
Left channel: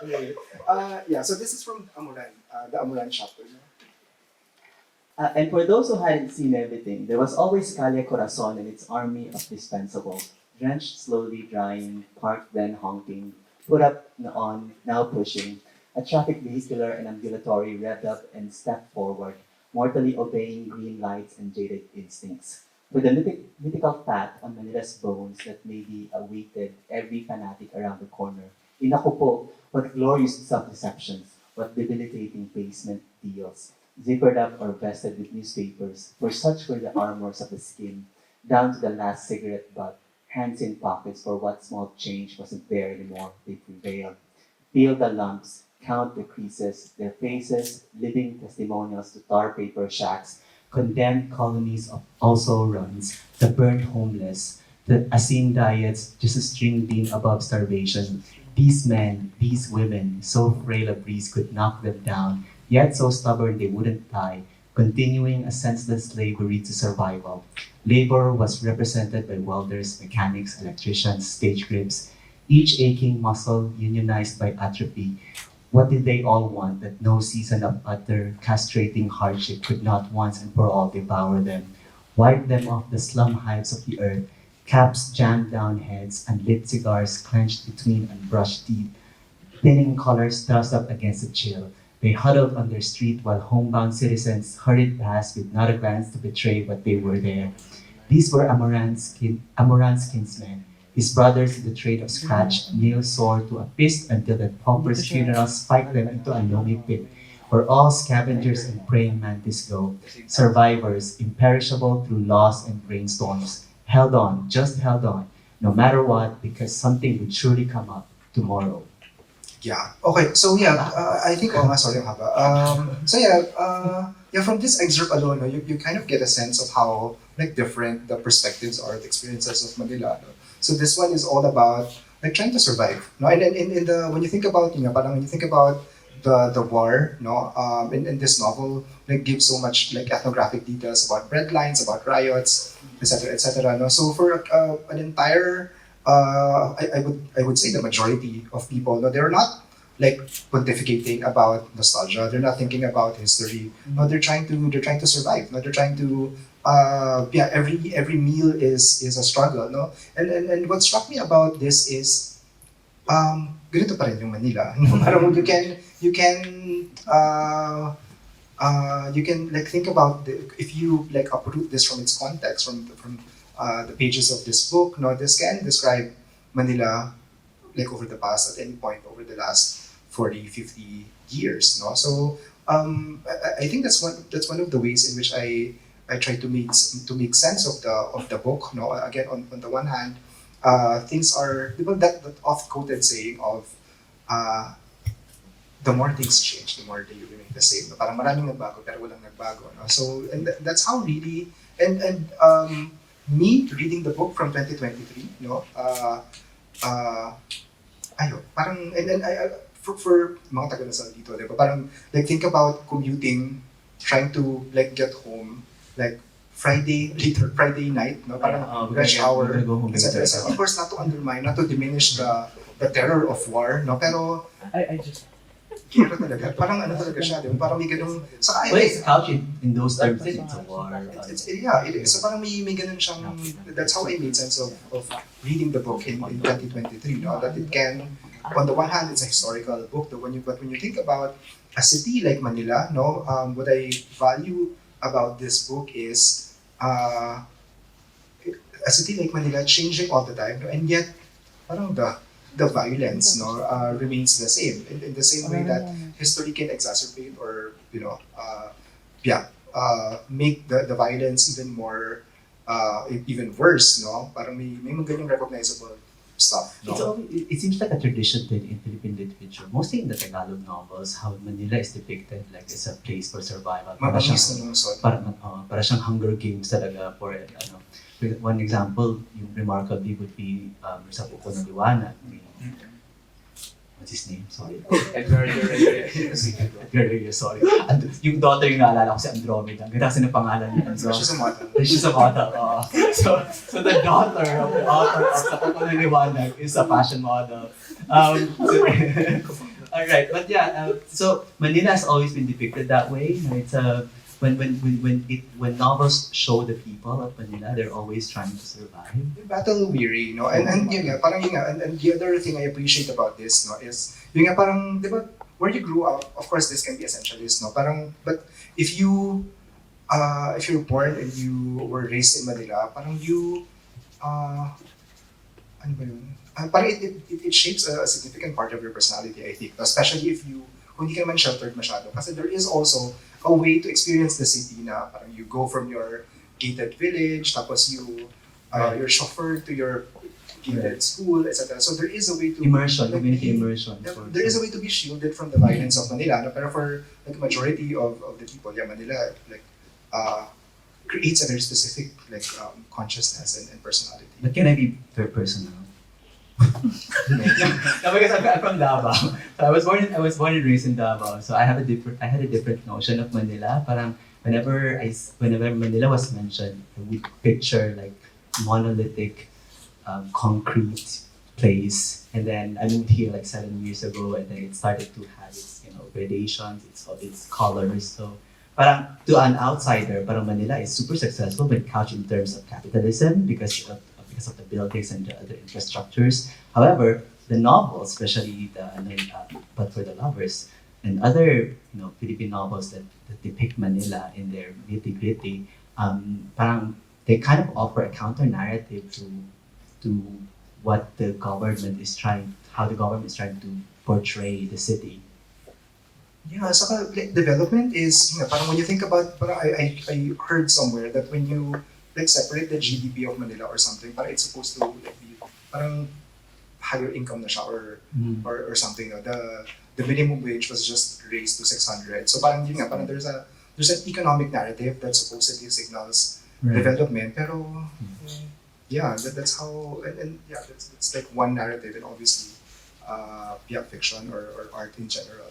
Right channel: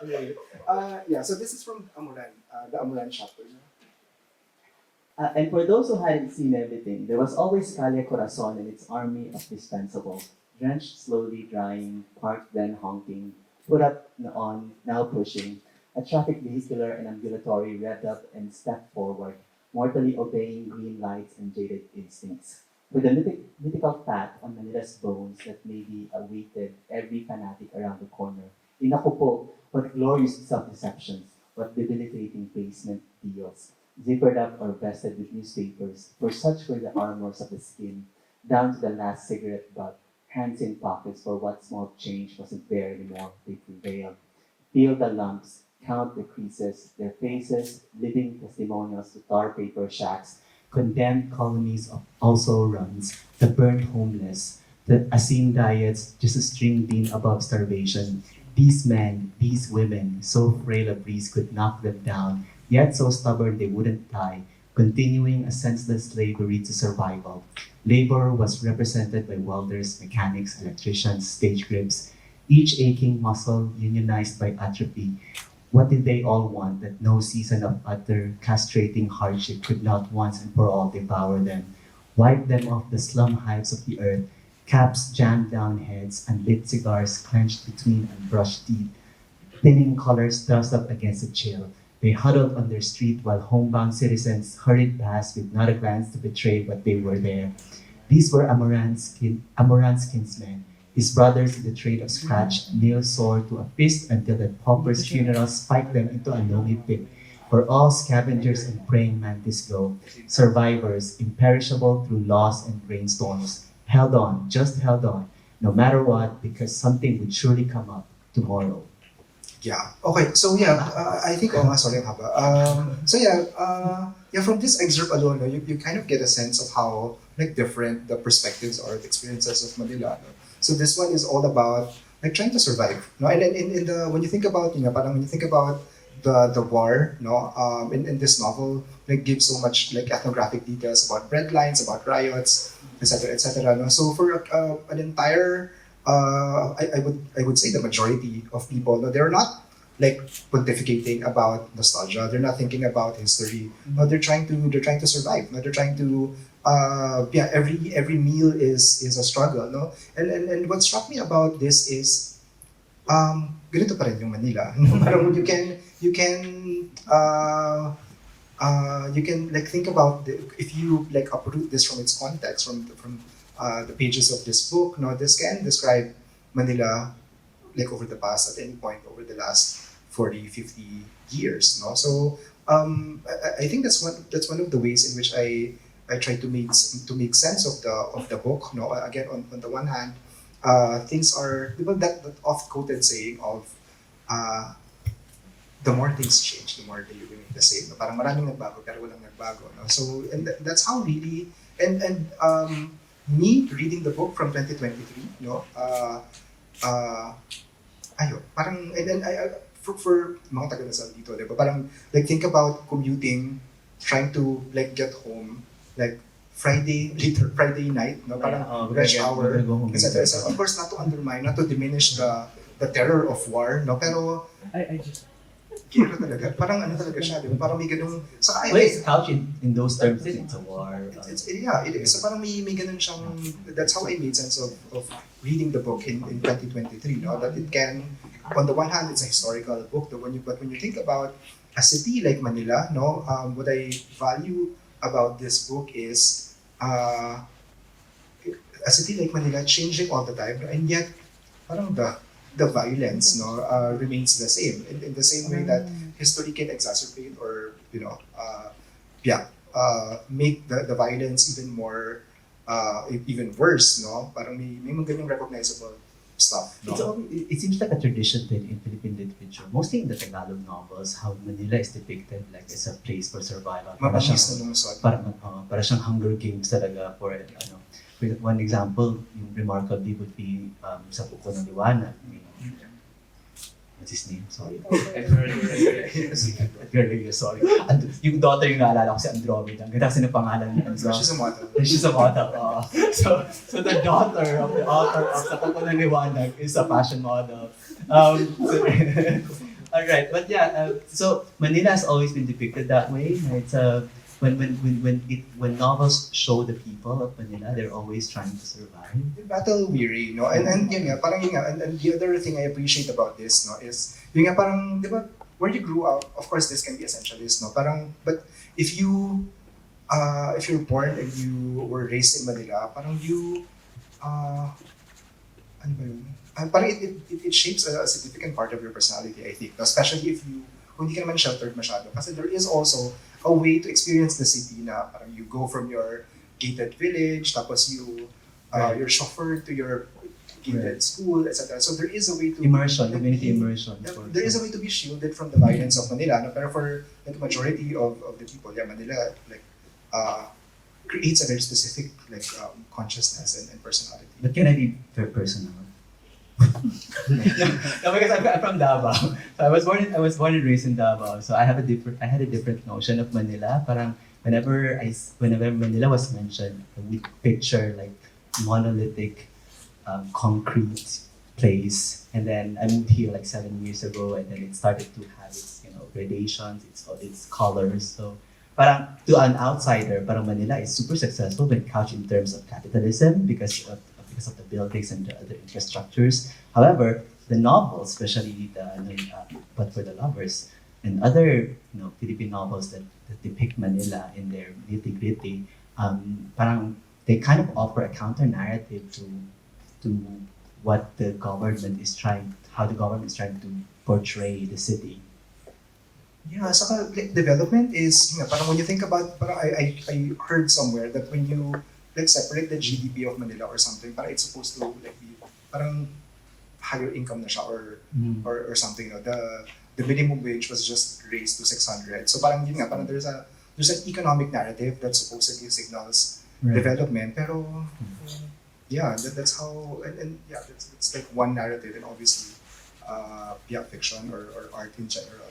Anyway, yeah, so this is from Amoran, the Amoran chapter. And for those who hadn't seen everything, there was always Calle Corazon and its army of dispensables, drenched, slowly drying, parked then honking, put up on, now pushing, a traffic vehicular and ambulatory revved up and stepped forward, mortally obeying green lights and jaded instincts. With the mythical fat on Manila's bones that maybe awaited every fanatic around the corner. Inakupo, what glorious self-deceptions, what debilitating basement deals, zippered up or vested with newspapers, for such were the armors of the skin, down to the last cigarette butt, hands in pockets for what small change wasn't there anymore, they prevailed. Feel the lumps, count the creases, their faces, living testimonials to tar paper shacks, condemned colonies of also runs, the burnt homeless, the asin diets, just a string beam above starvation. These men, these women, so frail a breeze could knock them down, yet so stubborn they wouldn't die, continuing a senseless slavery to survival. Labor was represented by welders, mechanics, electricians, stage grips, each aching muscle unionized by atrophy. What did they all want that no season of utter, castrating hardship could not once and for all devour them? Wipe them off the slum hives of the earth, caps jammed down heads, and lit cigars clenched between unbrushed teeth, thinning collars thrust up against the chill. They huddled on their street while homebound citizens hurried past with not a glance to betray what they were there. These were Amoran's kinsmen, his brothers in the trade of scratch, nails sore to a fist until the pauper's funeral spiked them into a lonely pit, where all scavengers and praying mantis go, survivors, imperishable through loss and brainstorms, held on, just held on, no matter what, because something would surely come up tomorrow. Yeah. Okay. So I think sorry haba. From this excerpt alone, no, you kind of get a sense of how like different the perspectives or the experiences of Manila. No? So this one is all about like trying to survive. No, and in the when you think about parang when you think about the war, no, in this novel, like gives so much like ethnographic details about breadlines, about riots, etc., etc. No, so for an entire I would say the majority of people, no, they're not like pontificating about nostalgia. They're not thinking about history. No, they're trying to survive. No, they're trying to every meal is a struggle. No, and what struck me about this is ganito pa rin yung Manila. Parang you can like think about if you like uproot this from its context from the pages of this book. No, this can describe Manila like over the past at any point over the last 40, 50 years. No, so I think that's one of the ways in which I try to make sense of the book. No, again on the one hand, things are that oft quoted saying of the more things change, the more they remain the same. No? Parang maraming nagbago pero walang nagbago. No? So and that's how really and me reading the book from 2023, parang, and for mga taga Lasal dito, diba? Parang, like, think about commuting, trying to, like, get home, like, Friday night, no? Parang rush hour, etc. Of course, not to undermine, not to diminish the terror of war, no? Pero, I just kira talaga, parang ano talaga siya, diba? Parang may ganung, well, it's couched in those terms, it's a war. It is. So parang may ganun siyang, that's how I made sense of reading the book in 2023, no? That it can, on the one hand, it's a historical book, but when you think about a city like Manila, no, what I value about this book is a city like Manila changing all the time, no? And yet parang the violence, no, remains the same in the same way that history can exacerbate or make the violence even more even worse, no? Parang may mga ganyang recognizable stuff, no? It seems like a tradition in Philippine literature, mostly in the Tagalog novels, how Manila is depicted like as a place for survival. Para siyang Hunger Games talaga for ano. One example, yung remarkably would be sa Buko ng Liwanag. What's his name? Sorry. Edgar Reyes, sorry. Yung daughter yung naalala ko si Andromeda. Ang ganda kasi ng pangalan niya. She's a model. She's a model. So the daughter of the author of Sa Buko ng Liwanag is a fashion model. Alright, but yeah, so Manila has always been depicted that way. It's when novels show the people of Manila, they're always trying to survive. Battle weary, no? And yun nga, parang yun nga, and the other thing I appreciate about this, no, is yun nga parang, di ba, where you grew up, of course this can be essentialist, no? Parang, but if you're born and you were raised in Manila, parang you, ano ba yun? Parang it shapes a significant part of your personality, I think, especially if kung hindi ka naman sheltered masyado. Kasi there is also a way to experience the city na parang you go from your gated village, tapos you're chauffeured to your gated school, etc. So there is a way to community immersion. There is a way to be shielded from the violence of Manila. No? Pero for the majority of the people, Manila like creates a very specific like consciousness and personality. But can I be very personal? No, because I'm from Davao. So I was born and raised in Davao. So I had a different notion of Manila. Parang whenever Manila was mentioned, I would picture like monolithic, concrete place. And then I moved here like 7 years ago, and then it started to have its gradations, its colors. So parang to an outsider, parang Manila is super successful when couched in terms of capitalism because of the buildings and the other infrastructures. However, the novels, especially But for the Lovers, and other Philippine novels that depict Manila in their nitty-gritty, parang they kind of offer a counter narrative to what the government is trying to portray the city. Yeah, saka development is parang when you think about parang I heard somewhere that when you like separate the GDP of Manila or something, parang it's supposed to like be parang higher income na siya or something. The minimum wage was just raised to 600. So parang yun nga, parang there's an economic narrative that supposedly signals development. Pero that's how and that's like one narrative, and obviously fiction or art in general.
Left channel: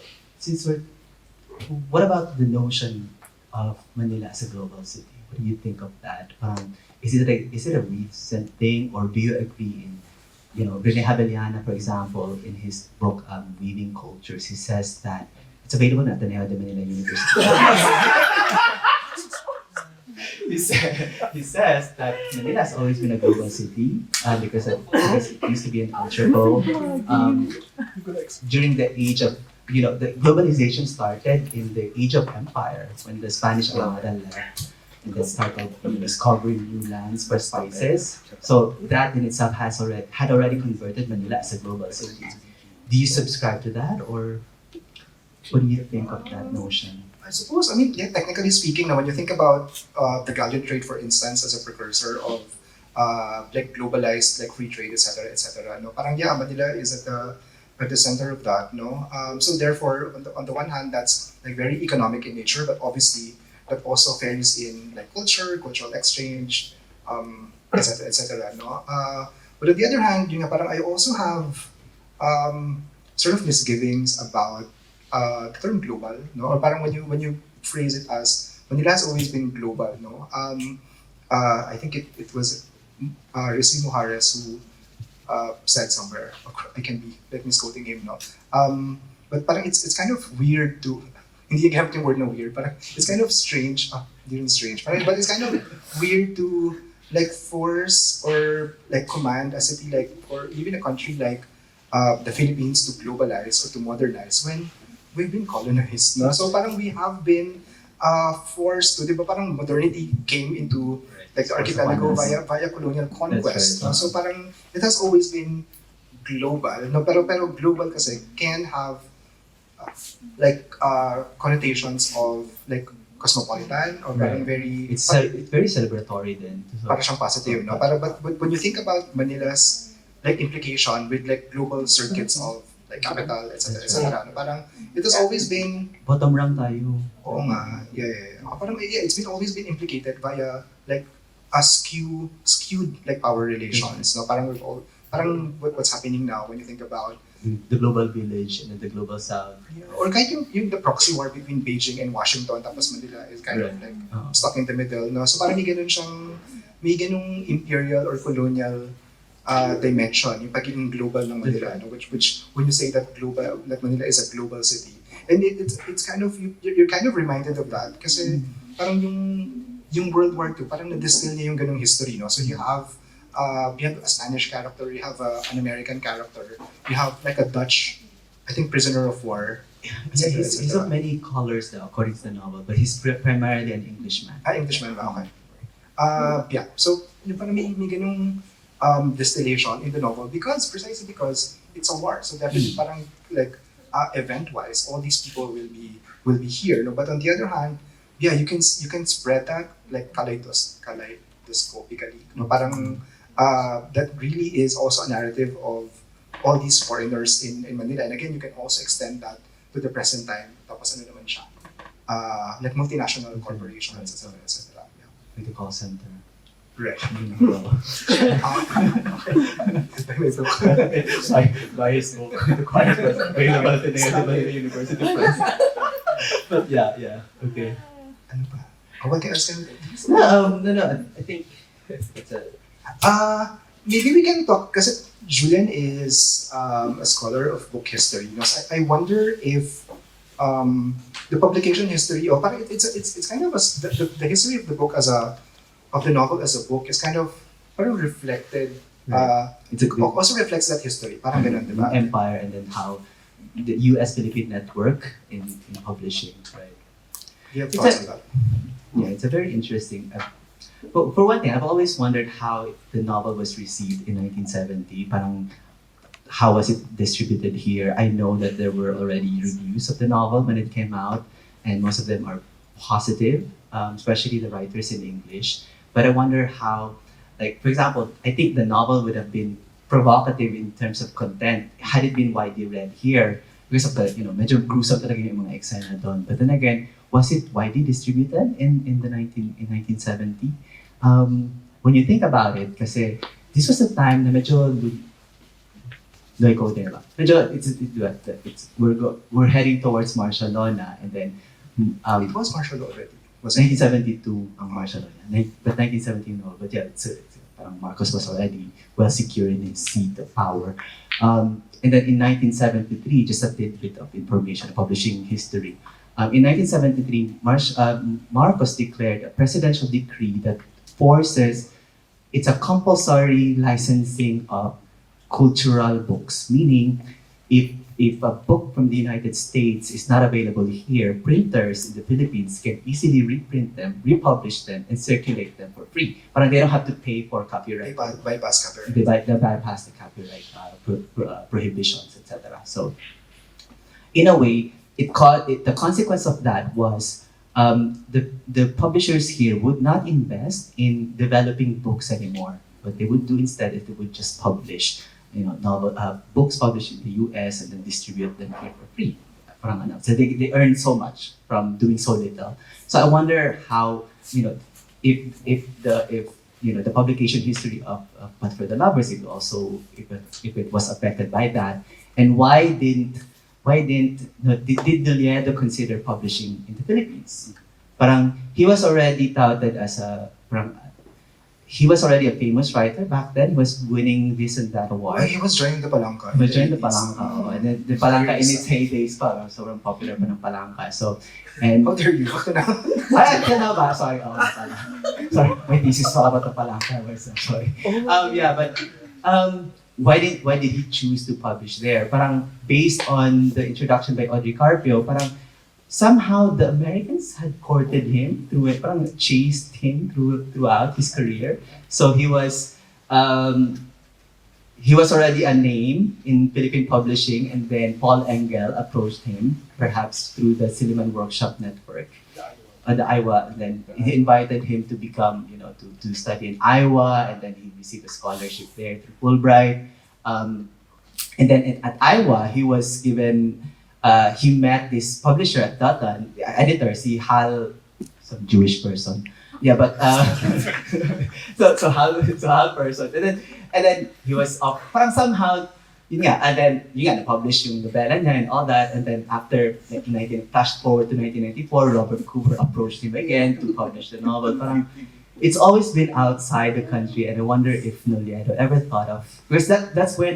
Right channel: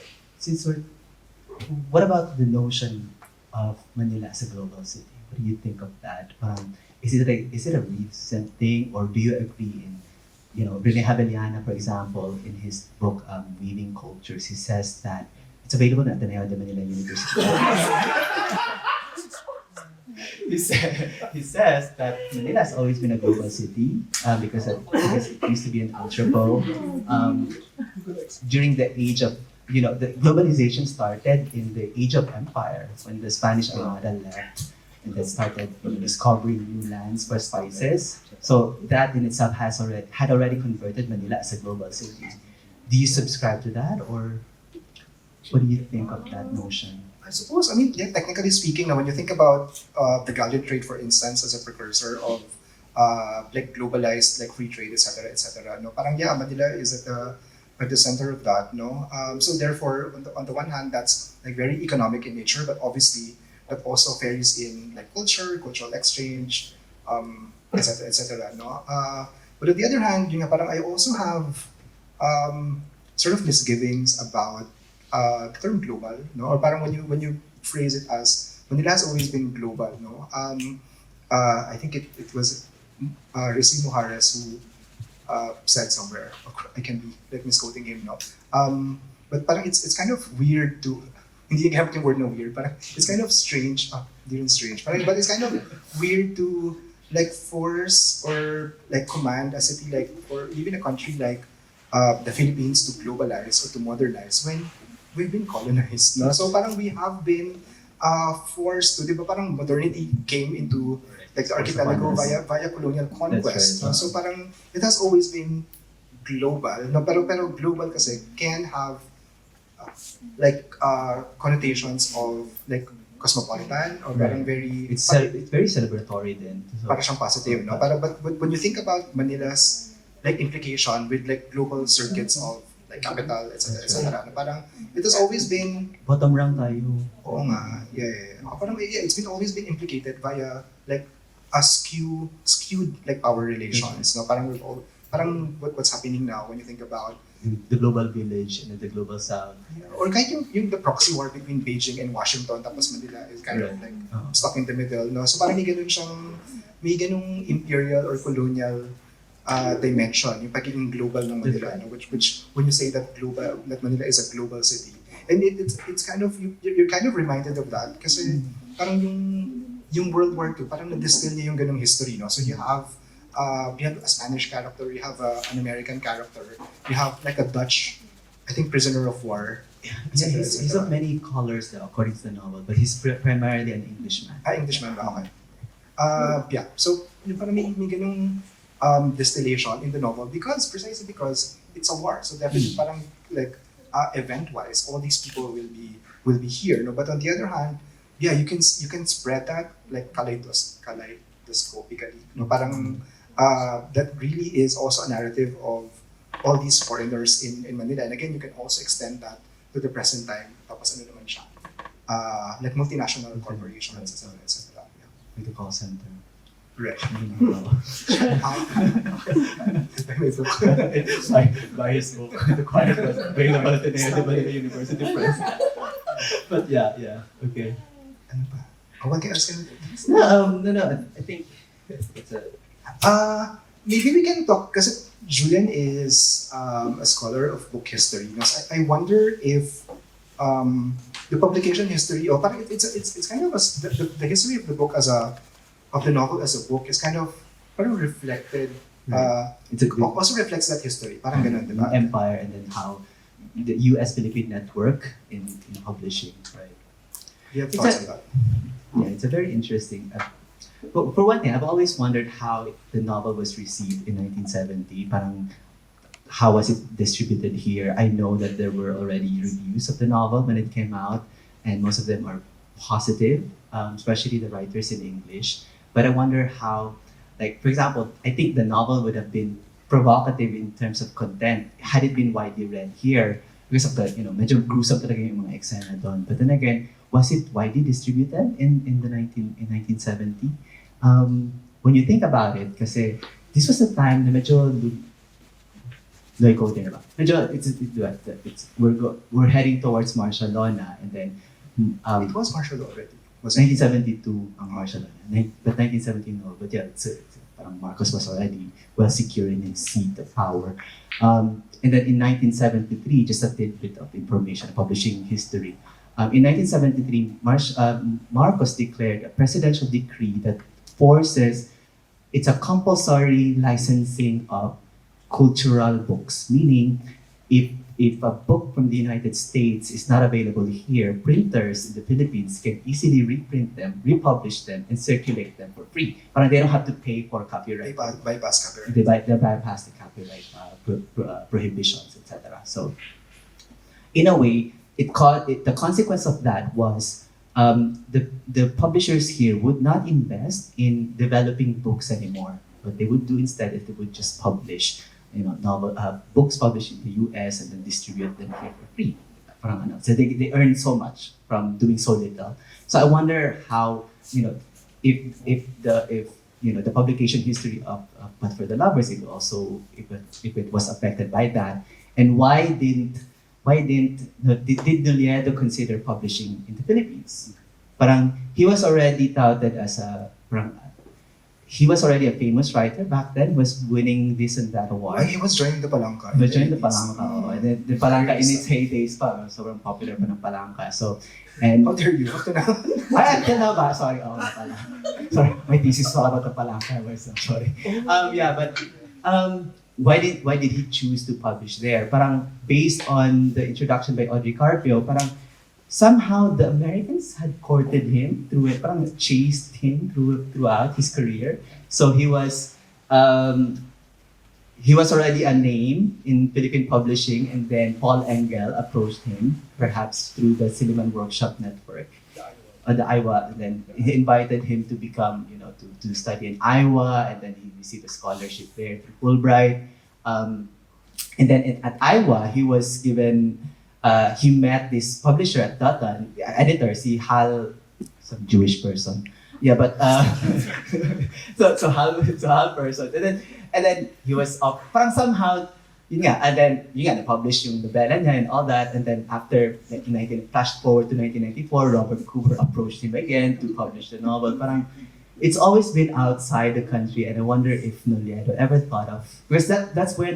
What about the notion of Manila as a global city? What do you think of that? Is it a recent thing, or do you agree in, Rene Haveliana, for example, in his book Weaving Cultures, he says that it's available at Ateneo de Manila University. He says that Manila has always been a global city because it used to be an entrepot. During the age of the globalization started in the age of empire when the Spanish Armada left. And they started discovering new lands for spices. So that in itself had already converted Manila as a global city. Do you subscribe to that, or what do you think of that notion? I suppose, technically speaking, now when you think about the galleon trade, for instance, as a precursor of like globalized like free trade, etc. No, parang Manila is at the center of that. No, so therefore, on the one hand, that's like very economic in nature, but obviously that also varies in like cultural exchange, etc. etc. No? But on the other hand, yun nga, parang I also have sort of misgivings about the term global, no? Or parang when you phrase it as Manila has always been global, no? I think it was Rizzi Mujares who said somewhere. I can be like misquoting him, no? But parang it's kind of weird to hindi gamit yung word na weird, parang it's kind of strange. Hindi rin strange, but it's kind of weird to like force or like command a city like or even a country like the Philippines to globalize or to modernize when we've been colonized. No? So parang we have been forced to, di ba parang modernity came into like the archipelago via colonial conquest. No? So parang it has always been global. No? Pero global kasi can have like connotations of like cosmopolitan or parang very it's very celebratory then. Parang siyang positive, no? But when you think about Manila's like implication with like global circuits of like capital, etc. etc. Parang it has always been bottom rung tayo. Oo nga, yeah. Parang it's been always been implicated via like a skewed like power relations, no? Parang what's happening now when you think about the global village and the global south. Or kahit yung the proxy war between Beijing and Washington tapos Manila is kind of like stuck in the middle, no? So parang may ganung imperial or colonial dimension, yung pagiging global ng Manila, no? Which when you say that Manila is a global city, and it's kind of you're kind of reminded of that kasi parang yung World War II parang na-distill niya yung ganung history, no? So you have a Spanish character, you have an American character, you have like a Dutch, I think, prisoner of war. Yeah, he's of many colors though, according to the novel, but he's primarily an Englishman. Englishman, okay. Yeah, so yung parang may ganung distillation in the novel precisely because it's a war. So definitely parang like event-wise, all these people will be here. No? But on the other hand, yeah, you can spread that like kaleidoscopically. No? Parang that really is also a narrative of all these foreigners in Manila. And again, you can also extend that to the present time. Tapos ano naman siya? Like multinational corporations, etc. etc. Yeah. Like the call center. Right. By his book, The Quiet was available today at the Manila University Press. But yeah, okay. Ano ba? What else can No, I think it's a... maybe we can talk, kasi Julian is a scholar of book history. You know, so I wonder if the publication history, or parang it's kind of the history of the book of the novel as a book is kind of parang reflected. It's a great, also reflects that history. Parang ganun, di ba? Empire, and then how the U.S. Philippine network in publishing, right? You have thoughts on that? Yeah, it's a very interesting. But for one thing, I've always wondered how the novel was received in 1970. Parang, how was it distributed here? I know that there were already reviews of the novel when it came out, and most of them are positive, especially the writers in English. But I wonder how, like, for example, I think the novel would have been provocative in terms of content had it been widely read here because of the, medyo gruesome talaga yung mga eksena doon. But then again, was it widely distributed in 1970? When you think about it, kasi this was the time na medyo we're heading towards martial law na, and then it was martial law already. Was 1972 ang martial law na, but 1917 no. But yeah, parang Marcos was already well secure in his seat of power. And then in 1973, just a tidbit of information, publishing history. In 1973, Marcos declared a presidential decree that forces, it's a compulsory licensing of cultural books, meaning if a book from the United States is not available here, printers in the Philippines can easily reprint them, republish them, and circulate them for free. But they don't have to pay for copyright. They bypass copyright. They bypass the copyright prohibitions, etc. So, in a way, the consequence of that was the publishers here would not invest in developing books anymore. What they would do instead is they would just publish books published in the US and then distribute them here for free. So they earn so much from doing so little. So I wonder how, if the publication history of But for the Lovers, if it was affected by that, and did Nolledo consider publishing in the Philippines? Parang he was already touted as he was already a famous writer back then. He was winning this and that award. He was joining the Palangka. He was joining the Palangka. And then the Palangka in its heydays pa, sobrang popular pa ng Palangka. So, and how dare you? ay, na ba? Sorry, pala. Sorry, my thesis was about the Palangka. Sorry. Why did he choose to publish there? Parang based on the introduction by Audrey Carpio, parang somehow the Americans had courted him through it, parang chased him throughout his career. So he was already a name in Philippine publishing, and then Paul Engel approached him, perhaps through the Silliman Workshop Network, the Iowa. And then he invited him to become, to study in Iowa, and then he received a scholarship there through Fulbright. And then at Iowa, he was given. He met this publisher at that time, editor, si Hal, some Jewish person. Yeah, but so Hal person, and then he was parang somehow, and then na-publish yung novela niya and all that, and then after flash forward to 1994, Robert Cooper approached him again to publish the novel. Parang it's always been outside the country, and I wonder if Nolledo ever thought of, because that's where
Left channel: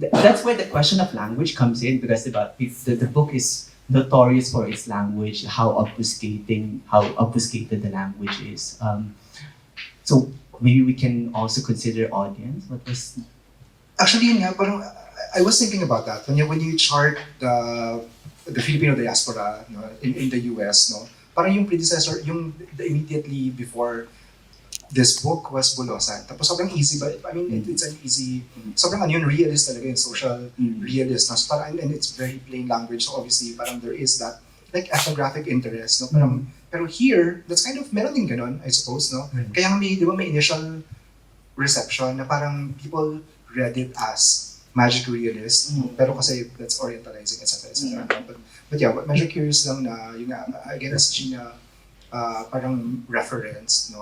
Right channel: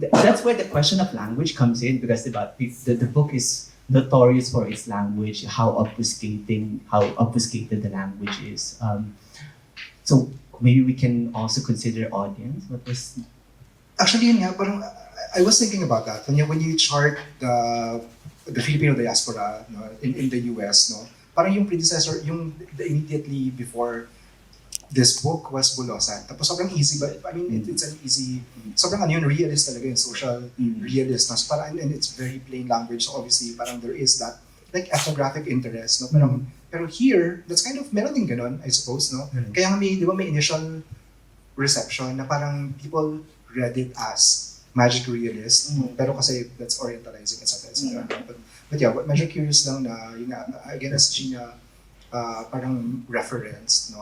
that's where the question of language comes in, because the book is notorious for its language, how obfuscated the language is. So maybe we can also consider audience. Actually, yun nga, parang I was thinking about that when you chart the Filipino diaspora, in the US, parang yung predecessor, the immediately before this book was Bulosan. Tapos sobrang easy, but I mean, it's an easy, sobrang yun, realist talaga, yung social realist. So parang, and it's very plain language, so obviously parang there is that like ethnographic interest. Pero here, that's kind of, meron din ganun, I suppose, Kaya nga may initial reception na parang people read it as magic realist, pero kasi that's orientalizing, etc. But yeah, medyo curious lang na, yun nga, again, as Gina parang reference,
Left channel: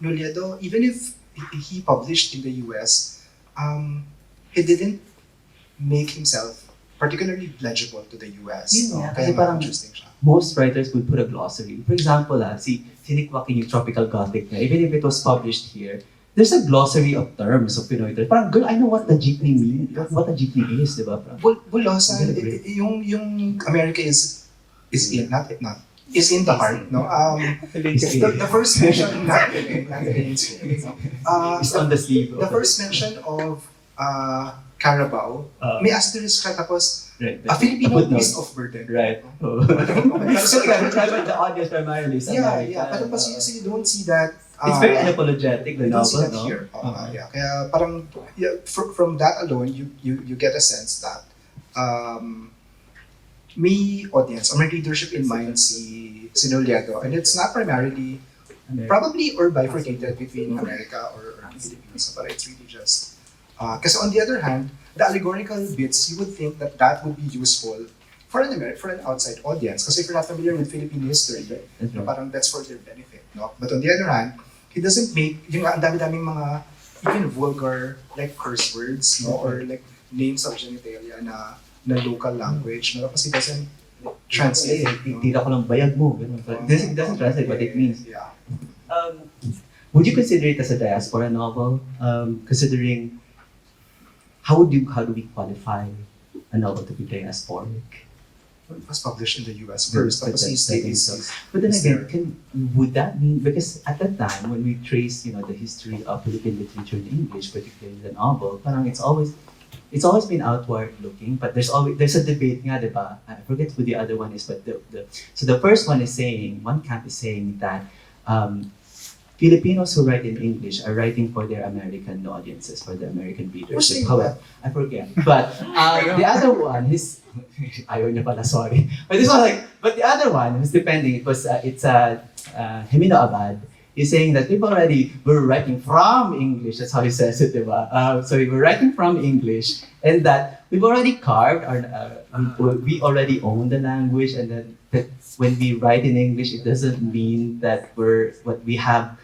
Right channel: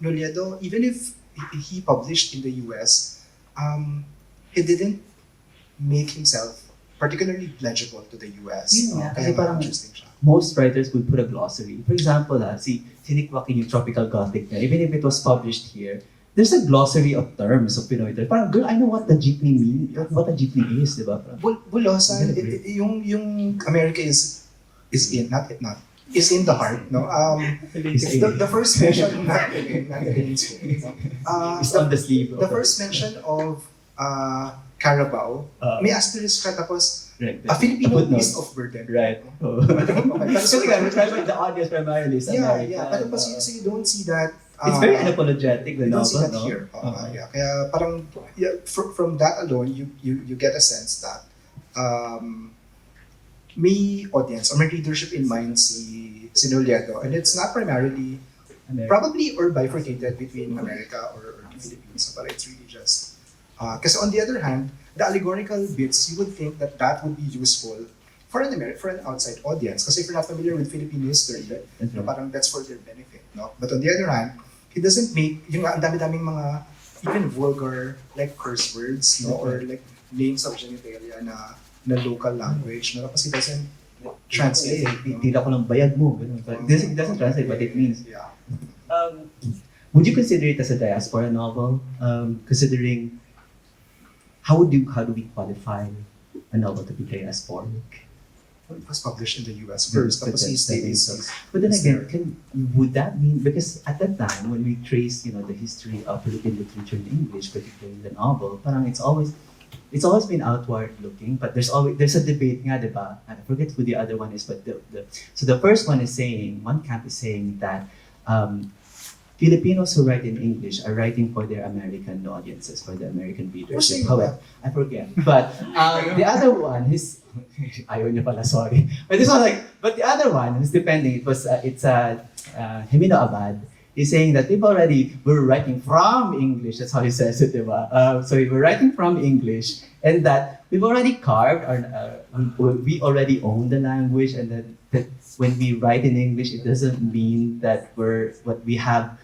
Nolledo, even if he published in the US, he didn't make himself particularly legible to the US. Kasi parang interesting siya. Most writers would put a glossary. For example, sinikwakin yung Tropical Gothic na, even if it was published here, there's a glossary of terms of Pinoy. Parang, girl, I know what the jeepney means, what a jeepney is, di ba? Bulosan, yung America is in, not is in the heart, the first mention, it's on the sleeve. The first mention of Carabao, may asterisk ka, tapos a Filipino beast of burden. Right. So the audience primarily is American. Yeah. Pero so you don't see that. It's very unapologetic, the you don't see novel, that here. Kaya parang, from that alone, you get a sense that may audience or may readership in mind si Nolledo, and it's not primarily probably or bifurcated between America or the Philippines, but it's really just because on the other hand, the allegorical bits, you would think that would be useful for an outside audience, because if you're not familiar with Philippine history, parang that's for their benefit, But on the other hand, he doesn't make yung ang dami-daming mga even vulgar like curse words, or like names of genitalia na local language, kasi it doesn't translate. Tira ko lang bayag mo. It doesn't translate what it means. Yeah. Would you consider it as a diaspora novel? Considering how do we qualify a novel to be diasporic? It was published in the US first, tapos but then again, would that mean, because at that time when we trace the history of Philippine literature in English, particularly the novel, parang it's always been outward looking, but there's a debate nga, diba? I forget who the other one is, but so the first one is saying, one camp is saying that Filipinos who write in English are writing for their American audiences, for the American readership. However, I forget. But the other one is, ayaw niya pala, sorry. But this one but the other one is depending. It's Himino Abad. He's saying that we're writing from English. That's how he says it, diba? So we're writing from English, and that we've already carved we already own the language, and that when we write in English, it doesn't mean that we have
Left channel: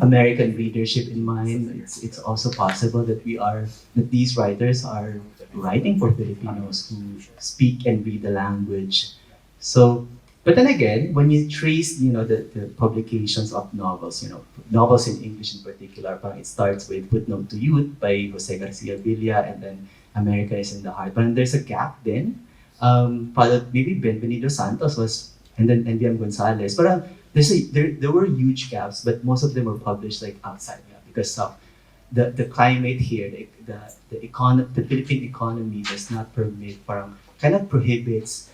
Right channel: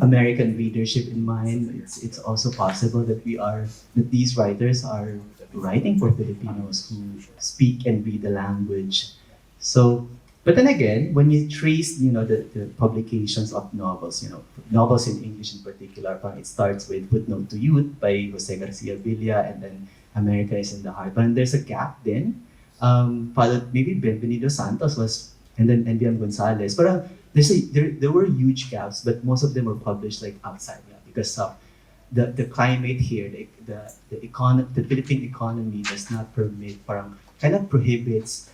American readership in mind, it's also possible that these writers are writing for Filipinos who speak and read the language. So, but then again, when you trace, the publications of novels, novels in English in particular, parang it starts with Footnote to Youth by Jose Garcia Villa, and then America is in the Heart. But there's a gap then, followed maybe Benvenido Santos was, and then NBM Gonzalez. But there were huge gaps, but most of them were published like outside because of the climate here, the Philippine economy does not permit, parang kind of prohibits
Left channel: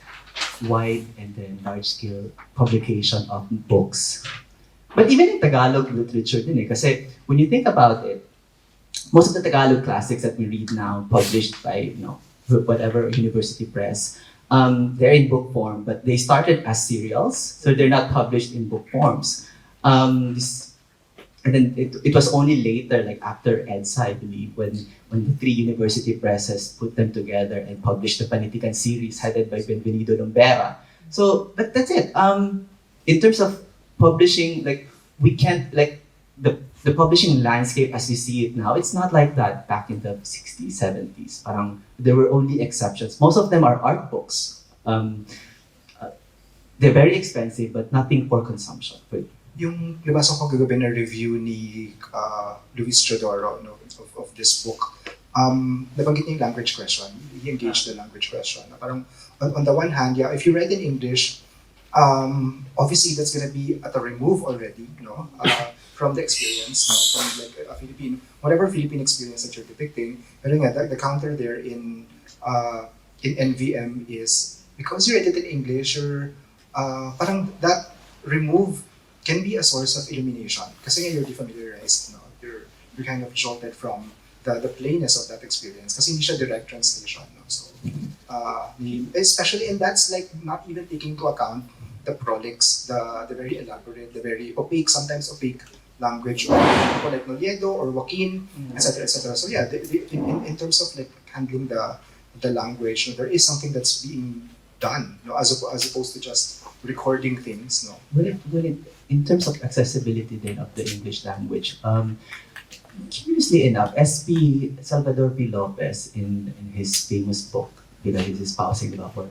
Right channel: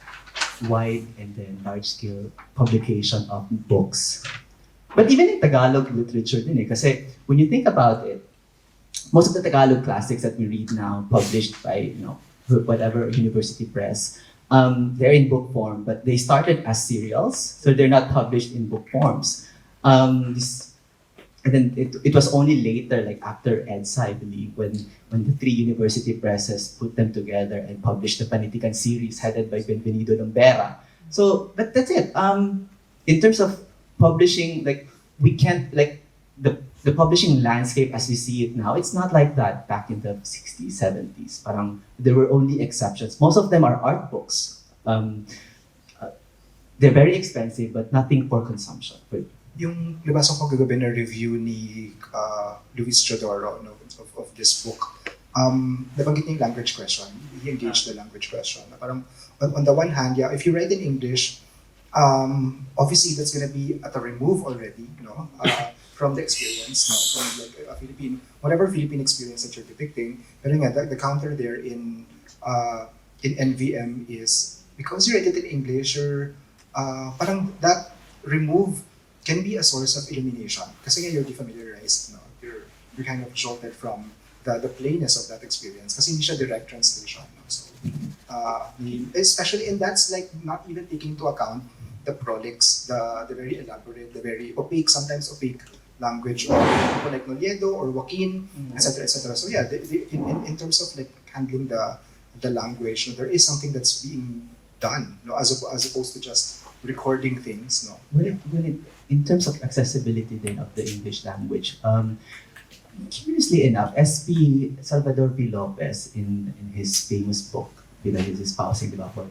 wide and then large scale publication of books. But even in Tagalog literature din kasi when you think about it, most of the Tagalog classics that we read now published by whatever university press, they're in book form, but they started as serials, so they're not published in book forms. And then it was only later, like after EDSA, I believe, when the three university presses put them together and published the Panitikan series headed by Benvenido Lombera. So, but that's it. In terms of publishing, like we can't like the publishing landscape as you see it now, it's not like that back in the 60s, 70s. Parang there were only exceptions. Most of them are art books. They're very expensive, but nothing for consumption. Yung nabasa ko kagabi na review ni Luis Chodoro of this book, nabanggit niya yung language question. He engaged the language question. Parang on the one hand, if you read in English, obviously that's gonna be at a remove already, from the experience, from like a Philippine, whatever Philippine experience that you're depicting. Pero nga, the counter there in NVM is because you read it in English, parang that remove can be a source of illumination. Kasi nga you're defamiliarized, you're kind of jolted from the plainness of that experience. Kasi hindi siya direct translation. So, especially, and that's like not even taking into account the prolix, the very elaborate, the very opaque, sometimes opaque language of people like Nolledo or Joaquin, etc., etc. So yeah, in terms of like handling the language, there is something that's being done, as opposed to just recording things. In terms of accessibility then of the English language, curiously enough, SP Salvador P. Lopez in his famous book, he's espousing for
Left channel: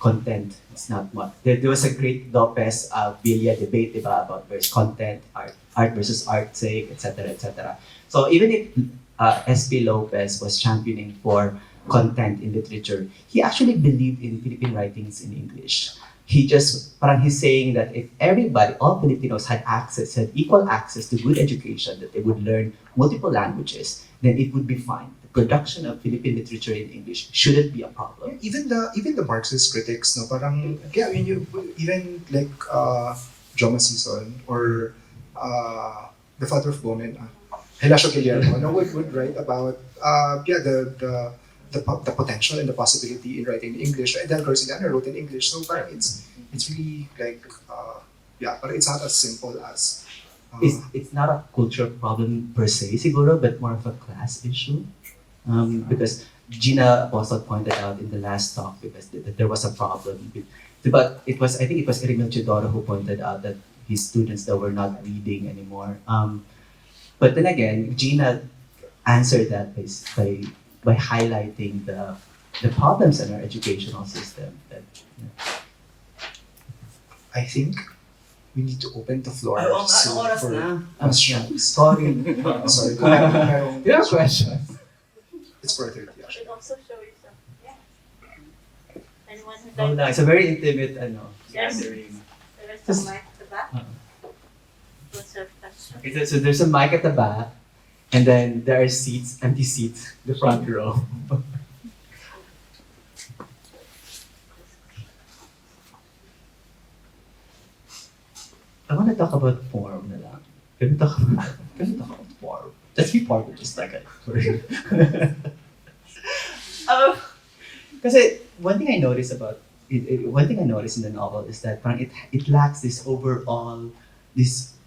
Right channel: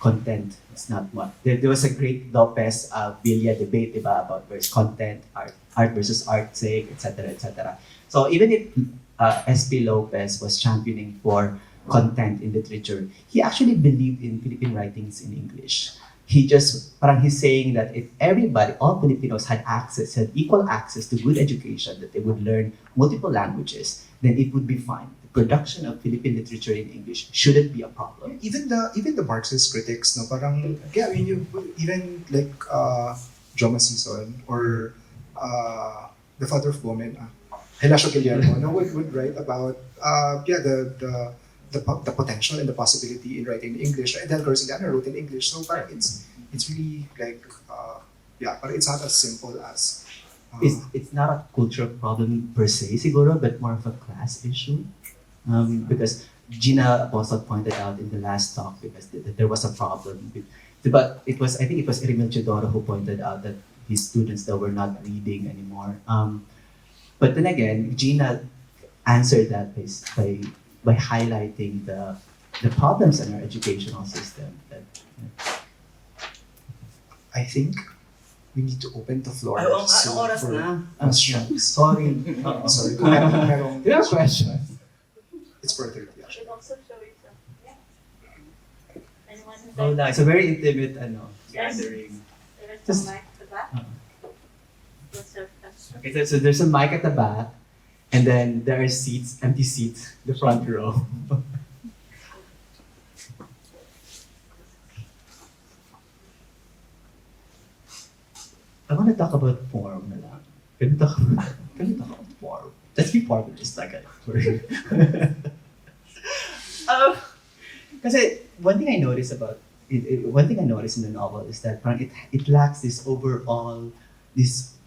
content. It's not much. There was a great Lopez Villa debate about versus content, art versus art's sake, etc., etc. So even if SP Lopez was championing for content in literature, he actually believed in Philippine writings in English. He's saying that if all Filipinos had equal access to good education, that they would learn multiple languages, then it would be fine. The production of Philippine literature in English shouldn't be a problem. Even the Marxist critics, parang you even like Joma Sison or the father of women, Helasio Guillermo, would write about the potential and the possibility in writing in English. And then Garcilaso wrote in English, so parang it's really like but it's not as simple as. It's not a cultural problem per se, siguro, but more of a class issue. Because Gina also pointed out in the last talk because there was a problem. But I think it was Erino Chidoro who pointed out that his students that were not reading anymore. But then again, Gina answered that by highlighting the problems in our educational system. I think we need to open the floor for questions. Sorry. Sorry. You have questions? It's further. You should also show yourself. Anyone who'd Oh, like no, it's a very intimate Yes. gathering. There's a mic at the back. What's your question? Okay, so there's a mic at the back, and then there are seats, empty seats, the front row. I want to talk about form na lang. Can we talk about form? Let's be part of just like a Kasi one thing I noticed about one thing I noticed in the novel is that it lacks this overall this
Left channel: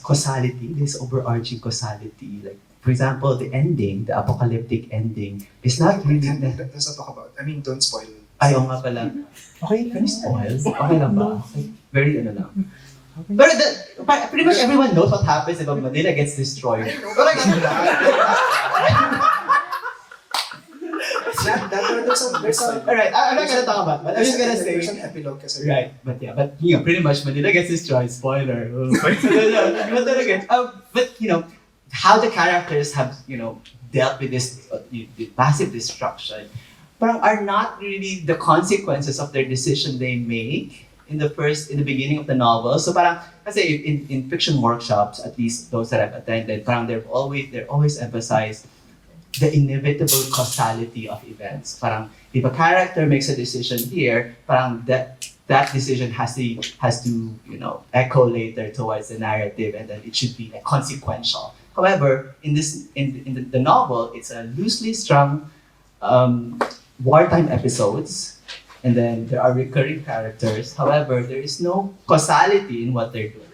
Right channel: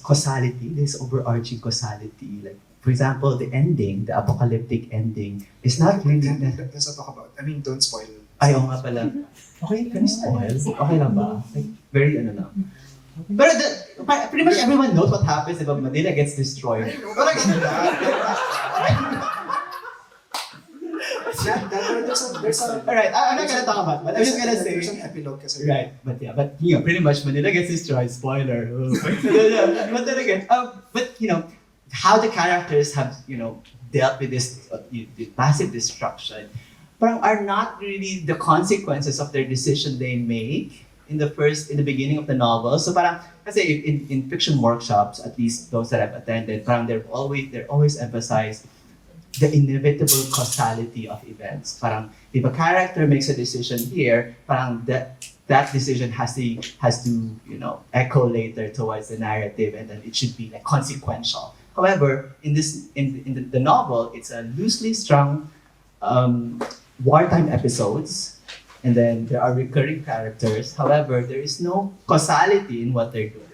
causality, this overarching causality. Like for example, the ending, the apocalyptic ending, is not really that. Let's not talk about. I mean, don't spoil. Ayaw nga pala. Okay, can you spoil? Okay lang ba? Like, very lang. But pretty much everyone knows what happens if Manila gets destroyed. Alright, I'm not gonna talk about it, but I'm just gonna say. There's an epilogue kasi. Right, but pretty much Manila gets destroyed. Spoiler. But how the characters have dealt with this the massive destruction, but are not really the consequences of their decision they make in the beginning of the novel. So parang kasi in fiction workshops, at least those that I've attended, parang they're always emphasized the inevitable causality of events. Parang if a character makes a decision here, parang that decision has to echo later towards the narrative, and then it should be like consequential. However, in the novel, it's a loosely strung wartime episodes, and then there are recurring characters. However, there is no causality in what they're doing.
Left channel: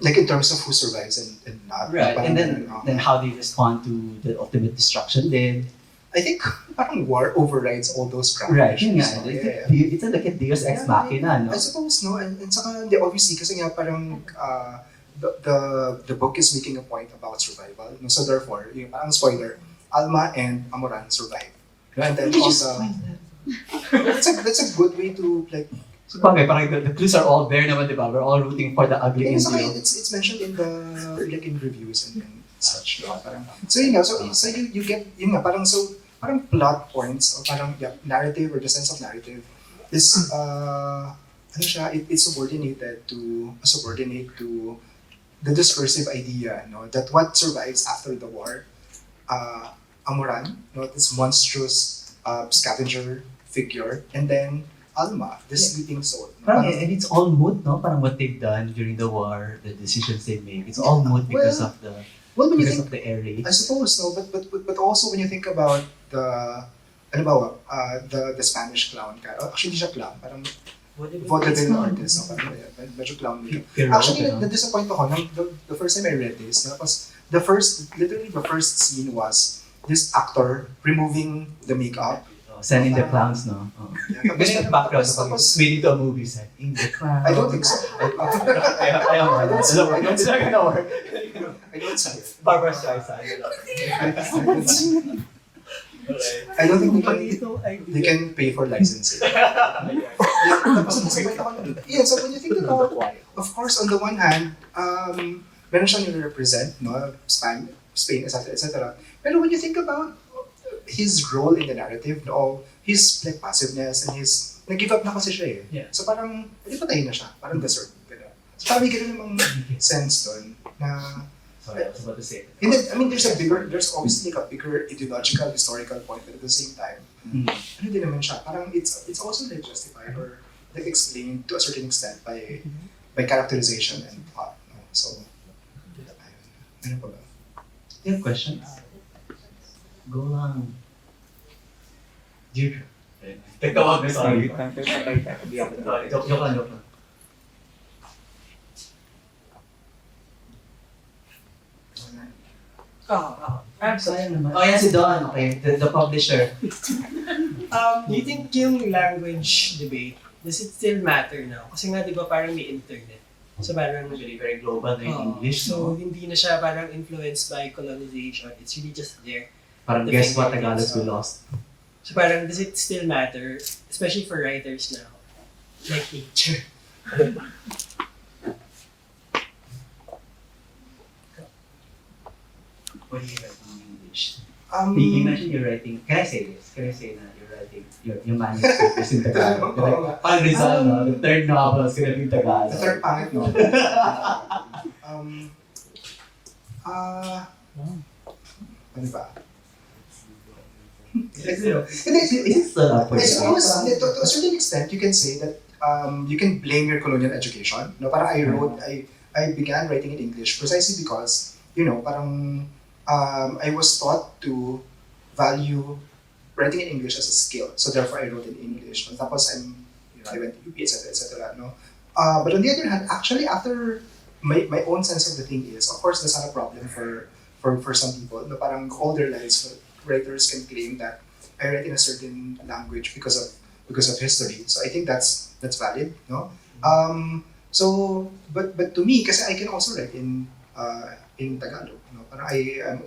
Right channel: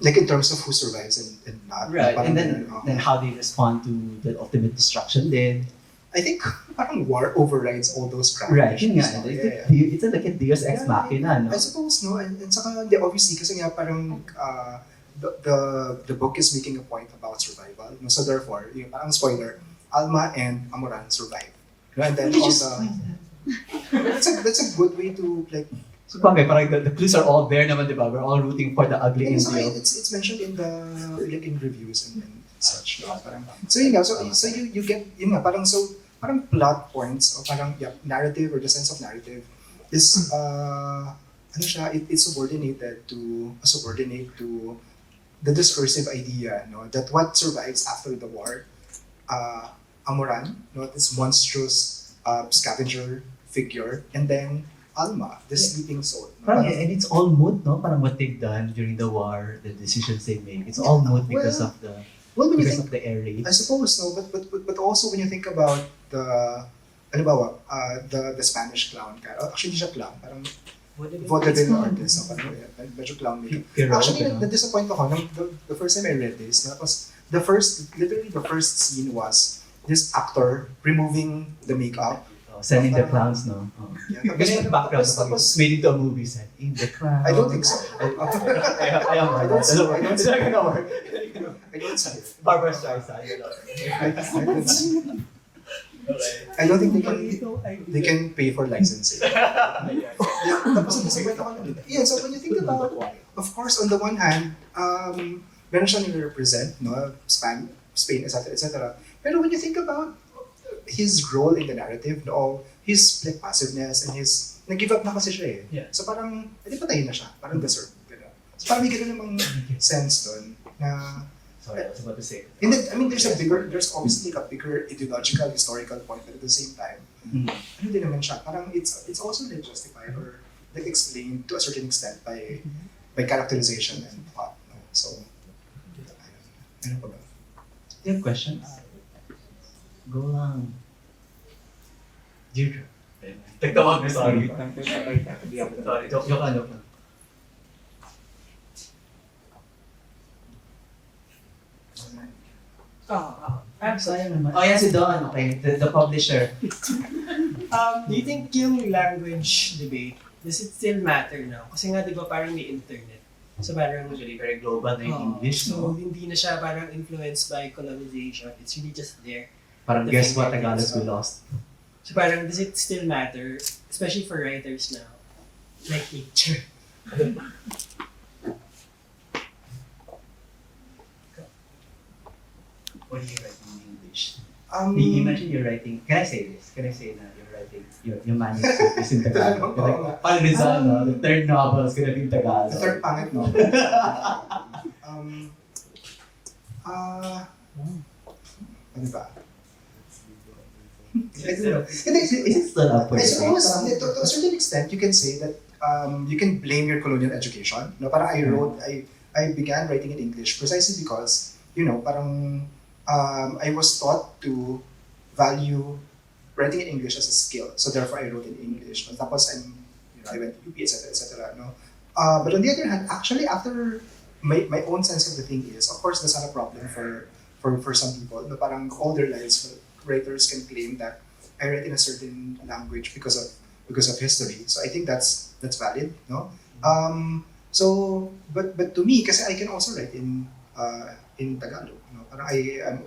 Like in terms of who survives and not. Right, and then how they respond to the ultimate destruction. Then I think parang war overrides all those right, practices. it's like a Diaz ex machina, no? I suppose, no, and saka obviously kasi nga parang the book is making a point about survival. No? So therefore, yung parang spoiler, Alma and Amoran survive. And then all that's a good way to like. So parang the clues are all there naman, di ba? We're all rooting for the ugly Indio. It's mentioned in the in reviews and such. No? Parang, so yun nga, so you get yun nga, parang plot points or parang narrative or the sense of narrative is it's subordinate to the discursive idea, no, that what survives after the war, Amoran, no, this monstrous scavenger figure, and then Alma, the sleeping soul. No? And it's all moot, no? Parang what they've done during the war, the decisions they make. It's all moot because of the air raid. I suppose so, but also when you think about the Spanish clown, actually hindi siya clown, parang vaudeville artist, no? Medyo clown nila. Actually, na-disappoint ako the first time I read this, tapos the first scene was this actor removing the makeup. Sending the clowns, no? Ganun yung background kapag swinging to a movie set. In the clowns. I don't think so. I don't see it. It's not gonna work. I don't see it. Barbara Streisand. I don't think they can pay for licensing. So when you think about, of course, on the one hand, meron siyang nire-represent, no? Spain, etc. Pero when you think about his role in the narrative, no, his like passiveness and his nag-give up na kasi siya eh. Yeah. So parang hindi patayin na siya, parang deserve. So parang may ganun namang sense doon na. Sorry, I was about to say. There's obviously like a bigger ideological, historical point, but at the same time, ano din naman siya, parang it's also like justified or like explained to a certain extent by characterization and plot. So, ano pa ba? You have questions? Go lang. Dear. Tagtawag na sorry. Sorry, joke lang. Absolutely. Oh, yeah, si Don. Okay, the publisher. Do you think yung language debate, does it still matter now? Kasi nga, di ba, parang may internet. So parang Usually very global na yung English, so no? hindi na siya parang influenced by colonization. It's really just there. Parang The guess what, fingertips, Tagalog we lost. So parang, does it still matter? Especially for writers now. Like nature. What do you write in English? Um, You mentioned you're writing, can I say this? Can I say that you're writing, your manuscript is in Tagalog? Like, Paul Rizal, no? The third novel is gonna be Tagalog. The third pangit, no? Ano ba? Is it still up I with suppose, to a certain extent, you can say that you can blame your colonial education. No, parang I began writing in English precisely because, parang I was taught to value writing in English as a skill. So therefore, I wrote in English. No? Tapos I went to UP, etc. No? But on the other hand, actually, after my own sense of the thing is, of course, that's not a problem for some people. No? Parang all their lives, writers can claim that I write in a certain language because of history. So I think that's valid. No. So, but to me, kasi I can also write in Tagalog. No? Parang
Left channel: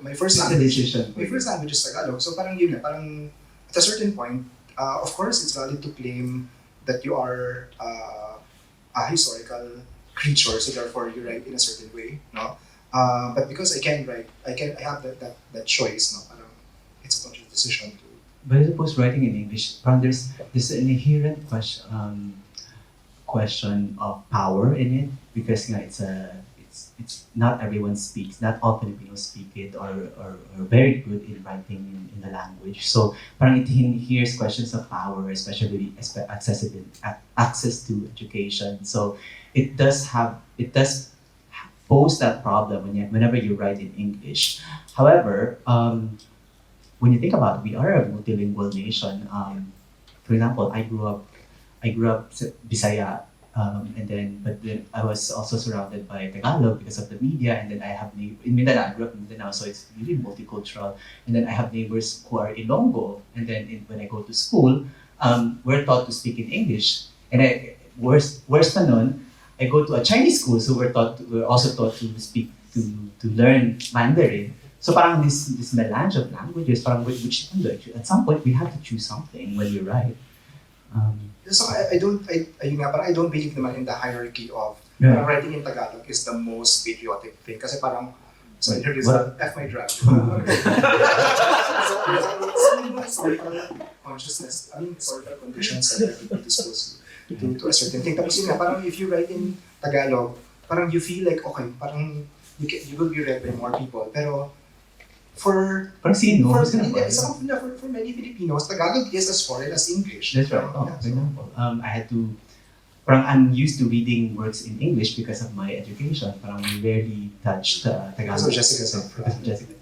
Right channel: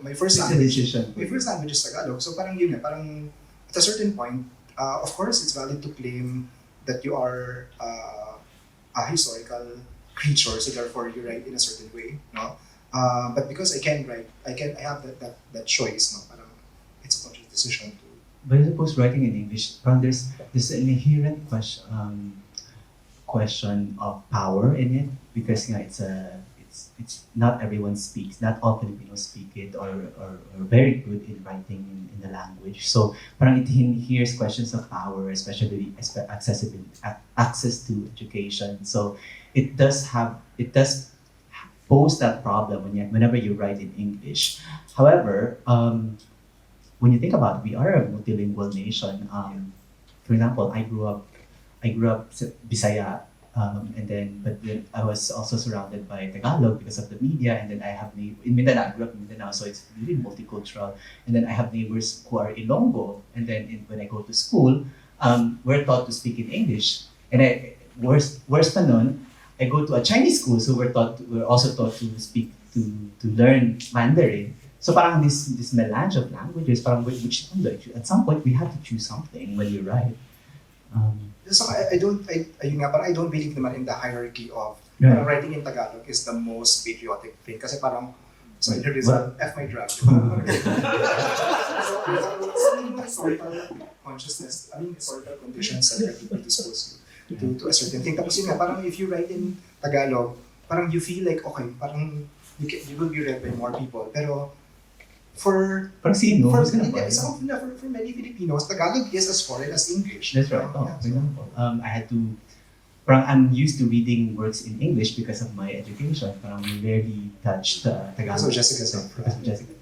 my first It's a language, decision. my first language is Tagalog. So parang yun na, parang at a certain point, of course, it's valid to claim that you are a historical creature, so therefore you write in a certain way, no? But because I can write, I have that choice, no? Parang it's a conscious decision to. But I suppose writing in English, parang there's an inherent question of power in it because nga it's not everyone speaks, not all Filipinos speak it or very good in writing in the language. So parang it hears questions of power, especially access to education. So it does pose that problem whenever you write in English. However, when you think about it, we are a multilingual nation. For example, I grew up Bisaya, but then I was also surrounded by Tagalog because of the media, and then I have in Mindanao. I grew up in Mindanao, so it's really multicultural. And then I have neighbors who are Ilonggo, and then when I go to school, we're taught to speak in English. And worse pa nun, I go to a Chinese school, so we're also taught to speak to learn Mandarin. So parang this melange of languages, parang which at some point we have to choose something when we write. So I don't believe naman in the hierarchy of writing in Tagalog is the most patriotic thing. Kasi parang, so there is a F my drag. So historical consciousness, historical conditions that are predisposed to a certain thing. Tapos yun nga, parang if you write in Tagalog, parang you feel like, okay, parang you will be read by more people. Pero for many Filipinos, Tagalog is as foreign as English. That's right. For example, I had to. I'm used to reading works in English because of my education. We rarely touched Tagalog. So Jessica.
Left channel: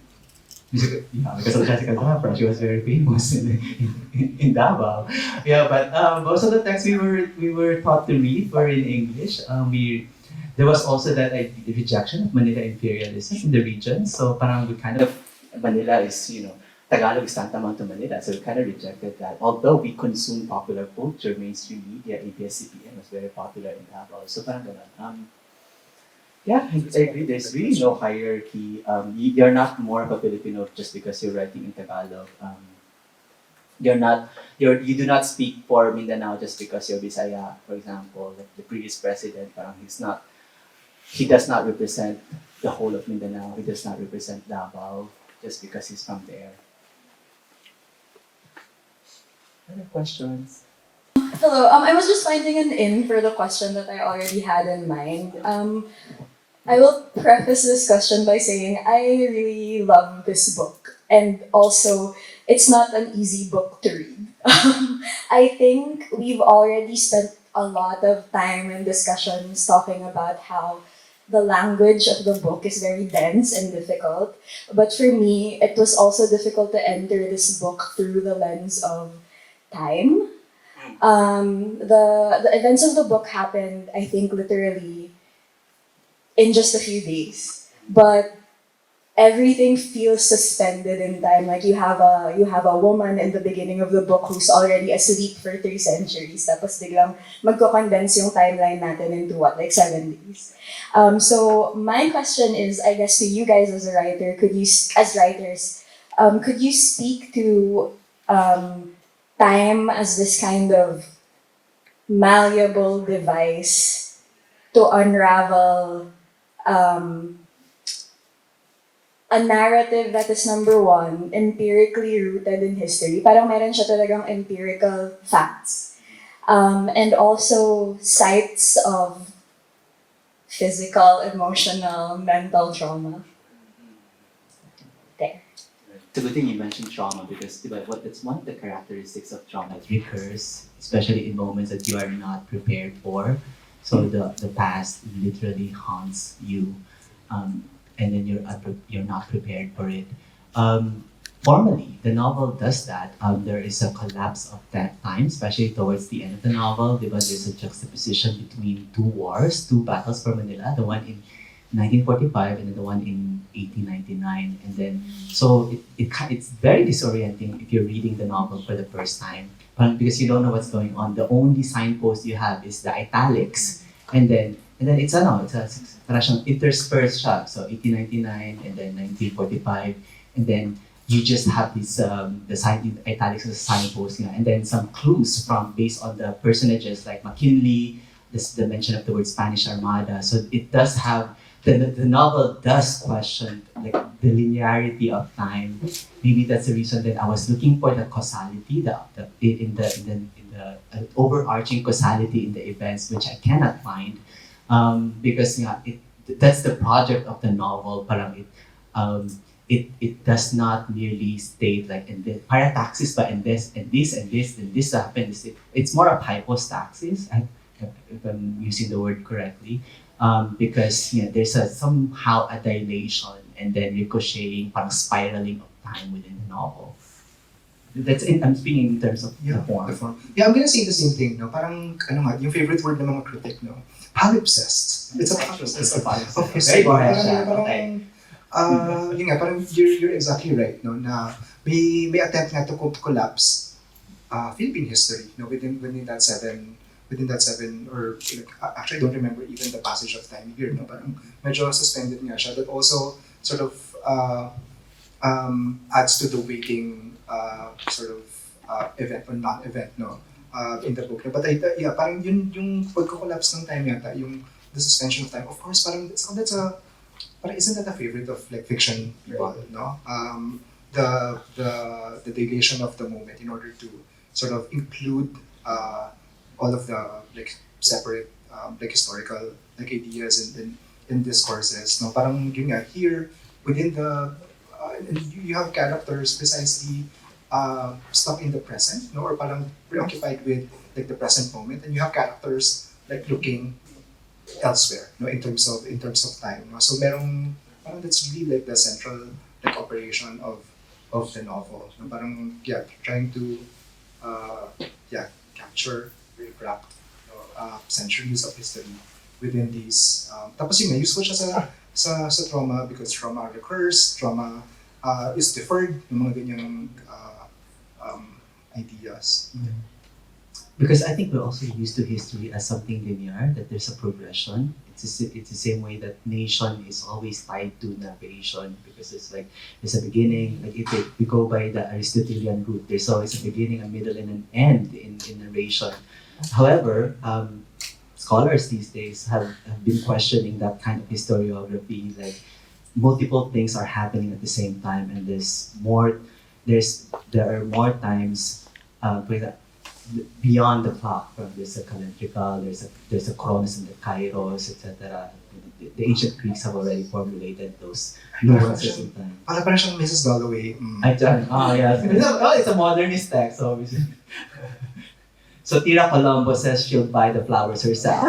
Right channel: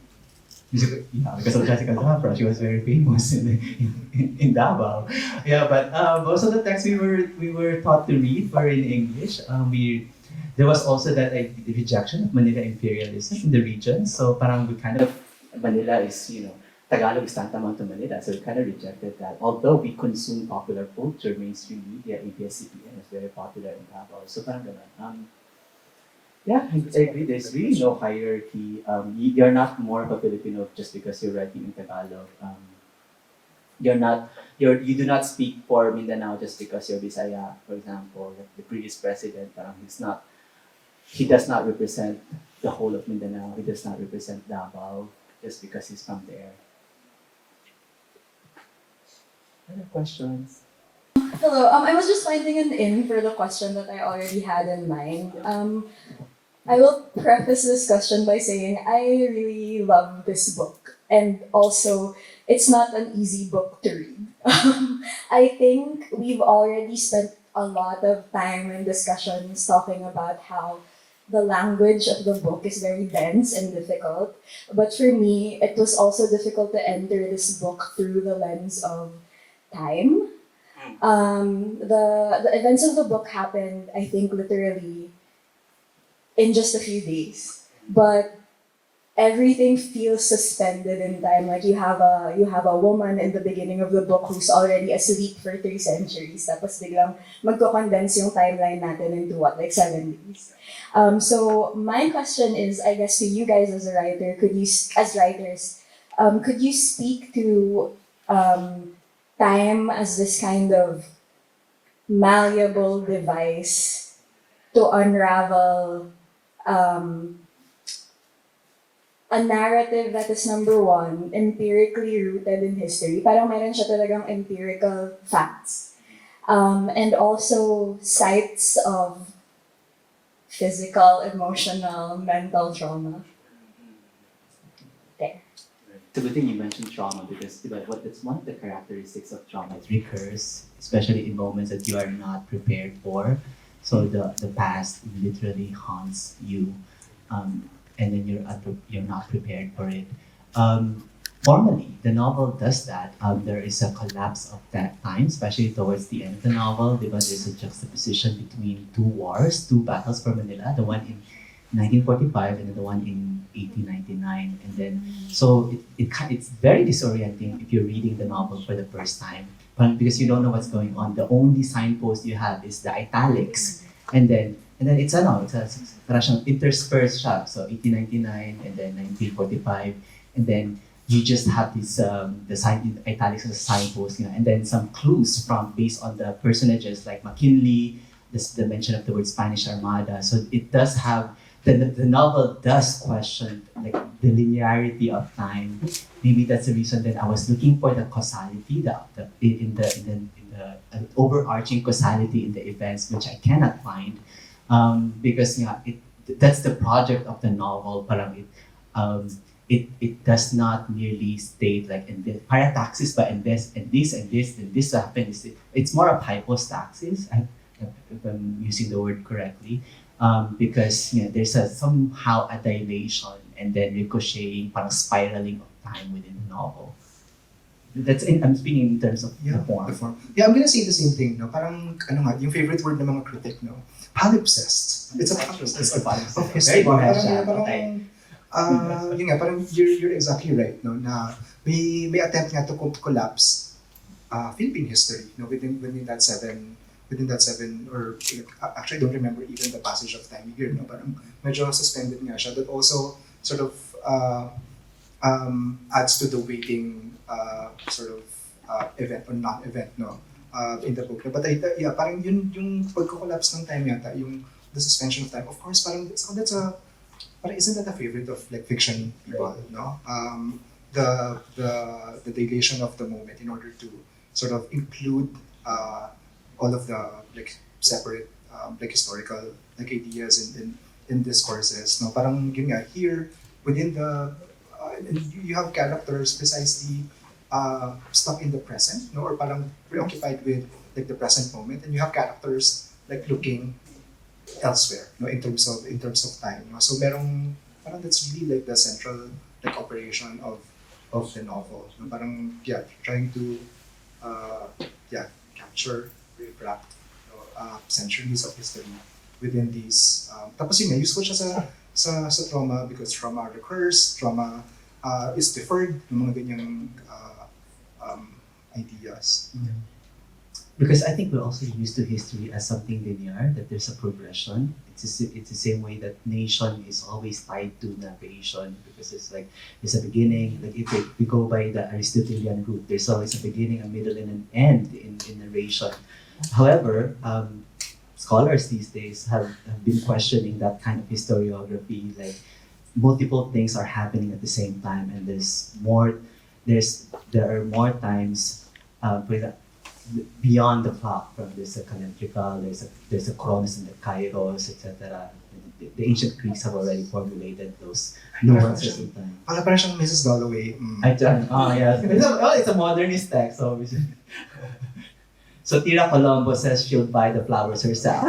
Yeah, because of Jessica Zapra, she was very famous in Davao. Yeah, but most of the texts we were taught to read were in English. There was also that rejection of Manila imperialism in the region. So parang we kind of Manila is, Tagalog is tantamount to Manila, so we kind of rejected that. Although we consume popular culture, mainstream media, ABS-CBN was very popular in Davao. So parang ganun. Yeah, I agree. There's really no hierarchy. You're not more of a Filipino just because you're writing in Tagalog. You do not speak for Mindanao just because you're Bisaya, for example. Like the previous president, he does not represent the whole of Mindanao. He does not represent Davao just because he's from there. Other questions? Hello, I was just finding an in for the question that I already had in mind. I will preface this question by saying I really love this book, and also it's not an easy book to read. I think we've already spent a lot of time and discussions talking about how the language of the book is very dense and difficult. But for me, it was also difficult to enter this book through the lens of time. The events of the book happened, I think, literally in just a few days. But everything feels suspended in time. Like you have a woman in the beginning of the book who's already asleep for 3 centuries. Tapos biglang magko-condense yung timeline natin into 7 days. So my question is, I guess to you guys as a writer, could you speak to time as this kind of malleable device to unravel a narrative that is, number one, empirically rooted in history. Parang meron siya talagang empirical facts. And also sites of physical, emotional, mental trauma. There. It's a good thing you mentioned trauma because it's one of the characteristics of trauma. It recurs, especially in moments that you are not prepared for. So the past literally haunts you. And then you're not prepared for it. Formally, the novel does that. There is a collapse of that time, especially towards the end of the novel. There's a juxtaposition between 2 wars, 2 battles for Manila, the one in 1945 and then the one in 1899. And then, so it's very disorienting if you're reading the novel for the first time, because you don't know what's going on. The only signpost you have is the italics. And then And then it's parang siyang interspersed siya. So 1899 and then 1945, and then you just have this the sign in italics as a signpost, and then some clues based on the personages like McKinley, the mention of the word Spanish Armada. So it does have the novel does question like the linearity of time. Maybe that's the reason that I was looking for the causality, in the overarching causality in the events, which I cannot find, because that's the project of the novel. Parang it does not merely state like in the parataxis, but in this and this and this and this happens. It's more of hypostaxis, if I'm using the word correctly, because there's somehow a dilation and then ricocheting, parang spiraling of time within the novel. I'm speaking in terms of the form. Yeah, I'm gonna say the same thing, no? Parang, yung favorite word ng mga critic, no? Palimpsest. It's a palimpsest. Okay, so, yun nga, parang you're exactly right, no? Na may attempt nga to collapse Philippine history, no? Within that seven, or like, actually I don't remember even the passage of time here, no? Parang medyo suspended nga siya. That also sort of adds to the waiting event or non-event, no? In the book. But parang yung pagko-collapse ng time yata, the suspension of time. Of course, parang isn't that a favorite of like fiction people, no? The dilation of the moment in order to sort of include all of the like separate like historical like ideas in discourses, no? Parang yun nga, here within the you have characters precisely stuck in the present, no? Or parang preoccupied with like the present moment, and you have characters like looking elsewhere, no? In terms of time, no? So parang that's really like the central like operation of the novel, no? Parang trying to capture, reflect centuries of history within these. Tapos yun nga, useful siya sa trauma because trauma recurs, trauma is deferred, ng mga ganyang ideas. Because I think we're also used to history as something linear, that there's a progression. It's the same way that nation is always tied to narration, because it's like there's a beginning. Like if we go by the Aristotelian route, there's always a beginning, a middle, and an end in narration. However, scholars these days have been questioning that kind of historiography. Like multiple things are happening at the same time, and there are more times beyond the plot. There's a calendrical, there's a chronos and the kairos, etc. The ancient Greeks have already formulated those nuances in time. Parang siyang Mrs. Dalloway. It's a modernist text, obviously. So Tira Colombo says she'll buy the flowers herself.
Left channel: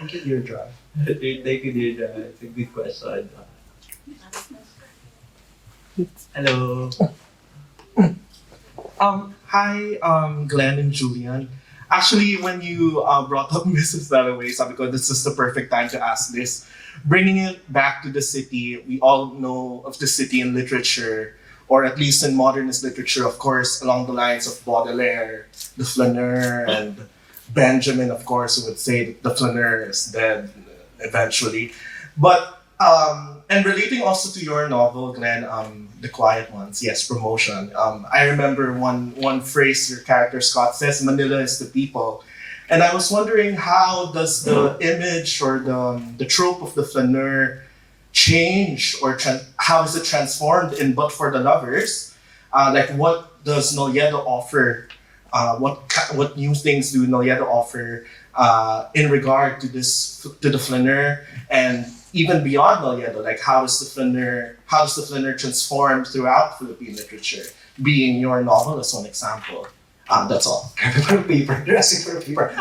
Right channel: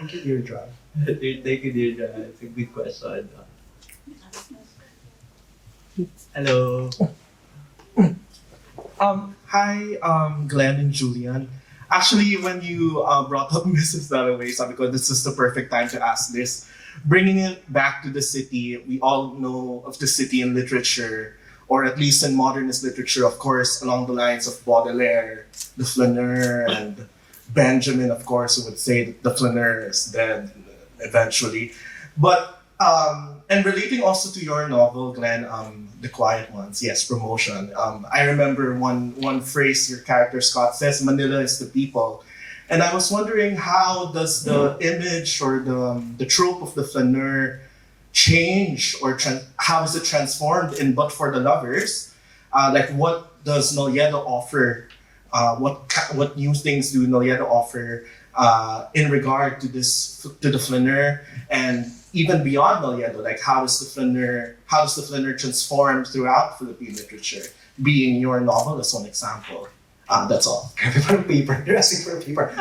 Thank you, Deirdre. Thank you, Deirdre. It's a good question. Hello. Hi, Glenn and Julian. Actually, when you brought up Mrs. Dalloway, sabi ko, this is the perfect time to ask this. Bringing it back to the city, we all know of the city in literature, or at least in modernist literature, of course, along the lines of Baudelaire, the flaneur, and Benjamin, of course, who would say that the flaneur is dead eventually. But and relating also to your novel, Glenn, The Quiet Ones, yes, promotion. I remember one phrase your character Scott says, "Manila is the people," and I was wondering how does the image or the trope of the flaneur change, or how is it transformed in But for the Lovers? Like what does Nolledo offer? What new things do Nolledo offer in regard to the flaneur, and even beyond Nolledo, like how does the flaneur transform throughout Philippine literature? Being your novel as one example. That's all. Paper. You're asking for a paper.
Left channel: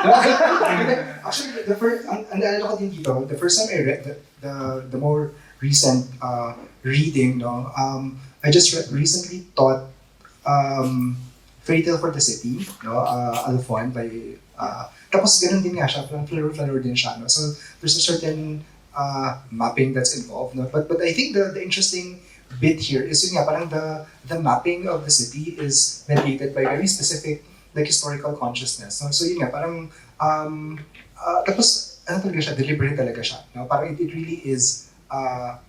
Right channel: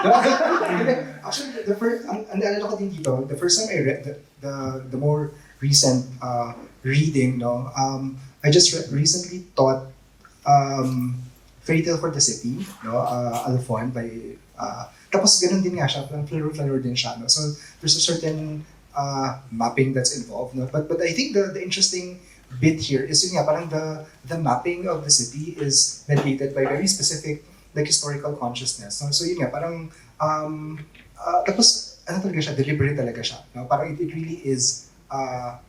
Actually, the first time I read the more recent reading, no, I just recently taught Fairy Tale for the City, no, Alphon by tapos ganun din nga siya, flaneur din siya, no? So there's a certain mapping that's involved, no? But I think the interesting bit here is yun nga, parang the mapping of the city is mediated by very specific like historical consciousness. So yun nga, parang Tapos, ano talaga siya, deliberate talaga siya. No? Parang it really is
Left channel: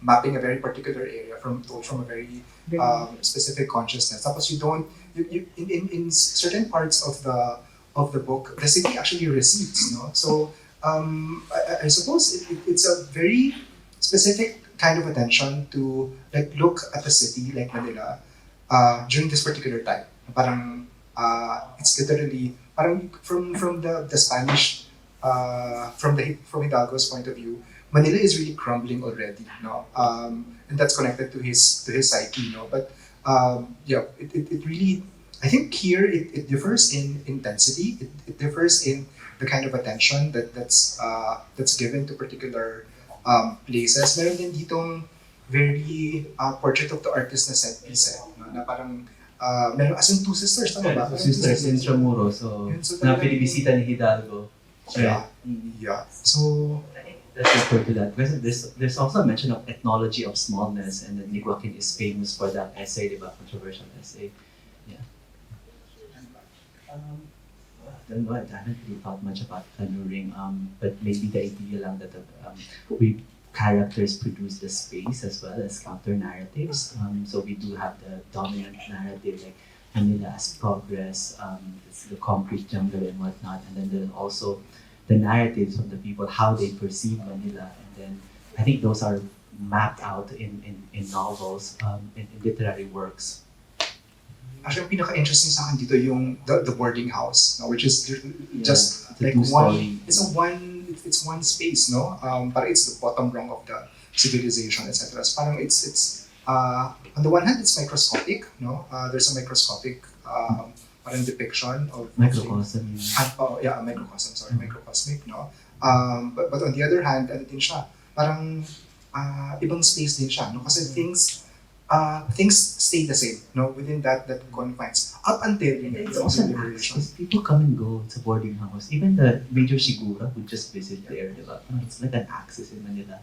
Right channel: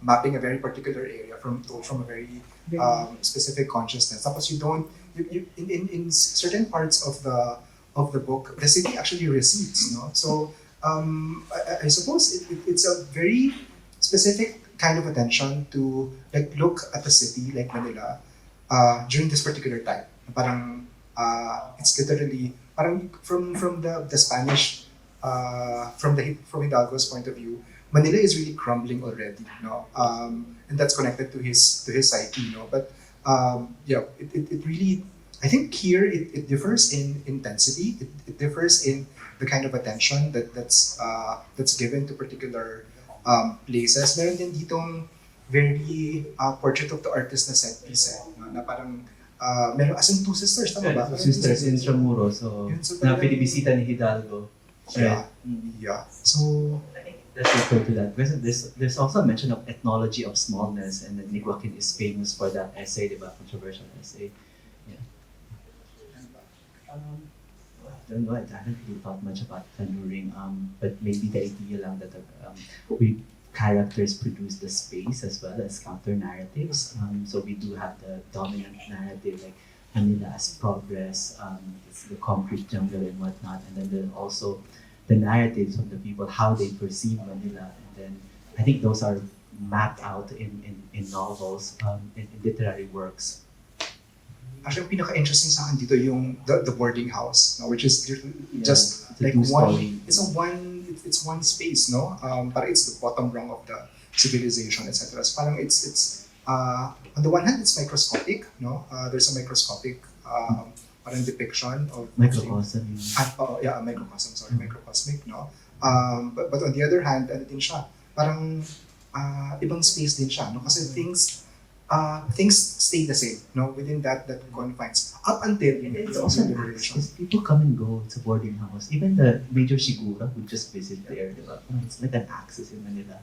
mapping a very particular area from a very specific consciousness. Tapos you don't, in certain parts of the book, the city actually recedes. No? So I suppose it's a very specific kind of attention to like look at the city like Manila during this particular time. Parang it's literally parang from the Spanish from Hidalgo's point of view, Manila is really crumbling already, no? And that's connected to his psyche, no? But yeah, it really, I think here it differs in intensity. It differs in the kind of attention that's given to particular places. Meron din ditong very portrait of the artist na set piece, no? Na parang meron as in two sisters, tama ba? Two sisters in Intramuros, so na binibisita ni Hidalgo. Yeah. Yeah. So I think that's referred to that. There's also a mention of ethnology of smallness, and then Joaquin is famous for that essay, diba? Controversial essay. Yeah. I don't know, I haven't really thought much about Tanuring, but maybe the idea lang that we characters produce the space as well as counter narratives. So we do have the dominant narrative like Manila as progress, it's the concrete jungle and whatnot, and then there's also the narratives from the people, how they perceive Manila, and then I think those are mapped out in novels, in literary works. actually, ang pinaka-interesting sa akin dito yung the boarding house, no? Which is just it's a like two-story. it's one space, no? Parang it's the bottom rung of the civilization, etc. So parang it's on the one hand it's microscopic, no? There's a microscopic parang depiction of Microcosm. microcosmic, no? But on the other hand, ano din siya, parang ibang space din siya, no? Kasi things stay the same, no, within that confines up until It's also an access. People come and go. It's a boarding house. Even the Major Sigura would just visit there. Diba? It's like an access in Manila.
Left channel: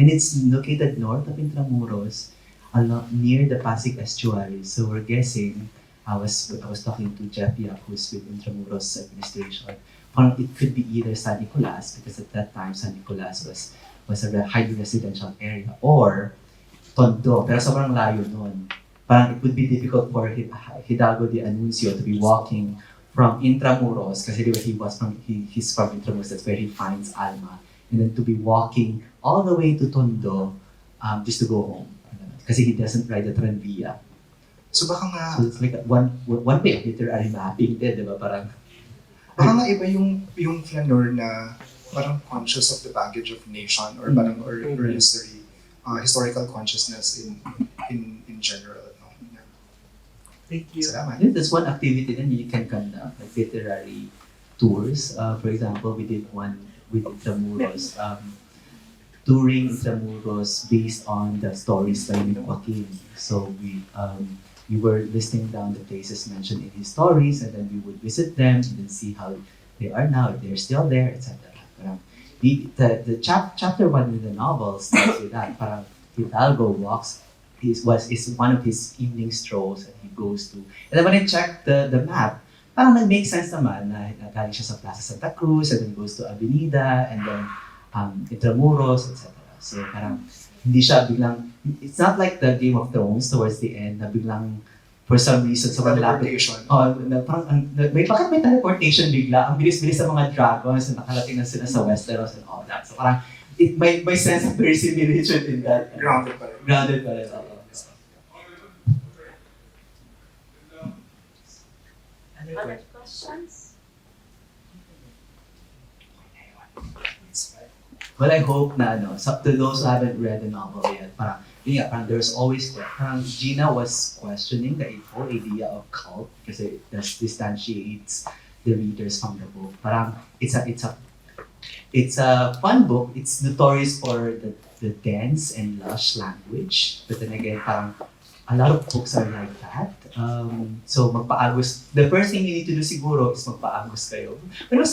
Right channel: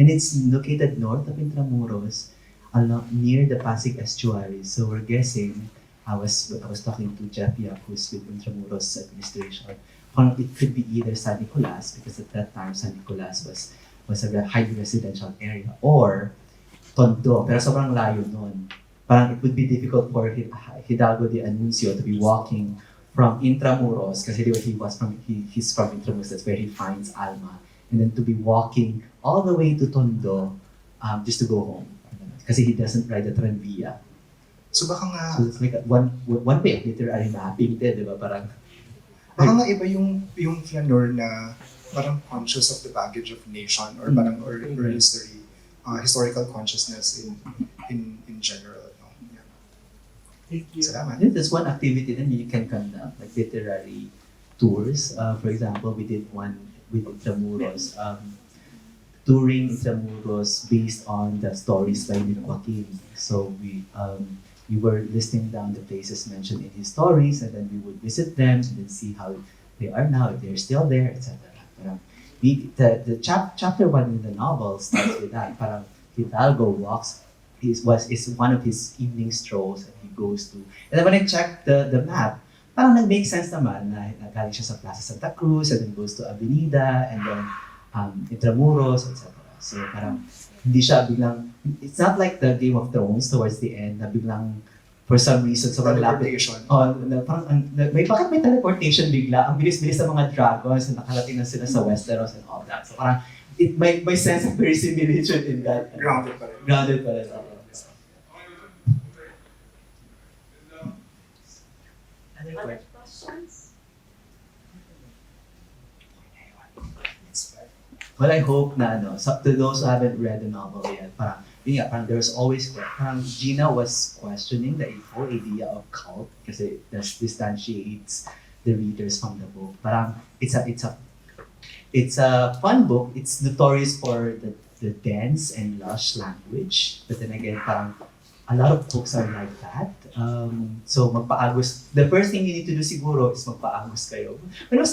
And it's located north of Intramuros, near the Pasig estuary. So we're guessing, I was talking to Jeff Yap, who's with Intramuros administration. It could be either San Nicolas, because at that time San Nicolas was a highly residential area, or Tondo, pero sobrang layo nun. Parang it would be difficult for Hidalgo de Anuncio to be walking from Intramuros, kasi he's from Intramuros, that's where he finds Alma, and then to be walking all the way to Tondo just to go home. Kasi he doesn't ride the tranvia. So baka nga So it's like one way of literary mapping din, di ba? Parang baka nga iba yung flaneur na parang conscious of the baggage of nation or parang or history, historical consciousness in general, no? Yeah. Thank you. Salamat. There's one activity that you can conduct, like literary tours. For example, we did one with Intramuros, touring Intramuros based on the stories by Joaquin. So we were listing down the places mentioned in his stories, and then we would visit them and then see how they are now, if they're still there, etc. Chapter 1 in the novel starts with that. Parang Hidalgo walks, is one of his evening strolls that he goes to. And then when I checked the map, parang nag-make sense naman na galing siya sa Plaza Santa Cruz, and then goes to Avenida, and then Intramuros, etc. So parang hindi siya biglang, it's not like the Game of Thrones towards the end na biglang for some reason sobrang lapit. May teleportation bigla. Ang bilis-bilis sa mga dragons na nakarating na sila sa Westeros and all that. So parang it may sense of verisimilitude in that. Grounded pa rin. Grounded pa rin. Other questions? Well, I hope na to those who haven't read the novel yet, parang there's always, parang Gina was questioning the whole idea of cult kasi it distantiates the readers from the book. Parang it's a fun book. It's notorious for the dense and lush language, but then again, parang a lot of books are like that. So magpaagos. The first thing you need to do siguro is magpaagos kayo. But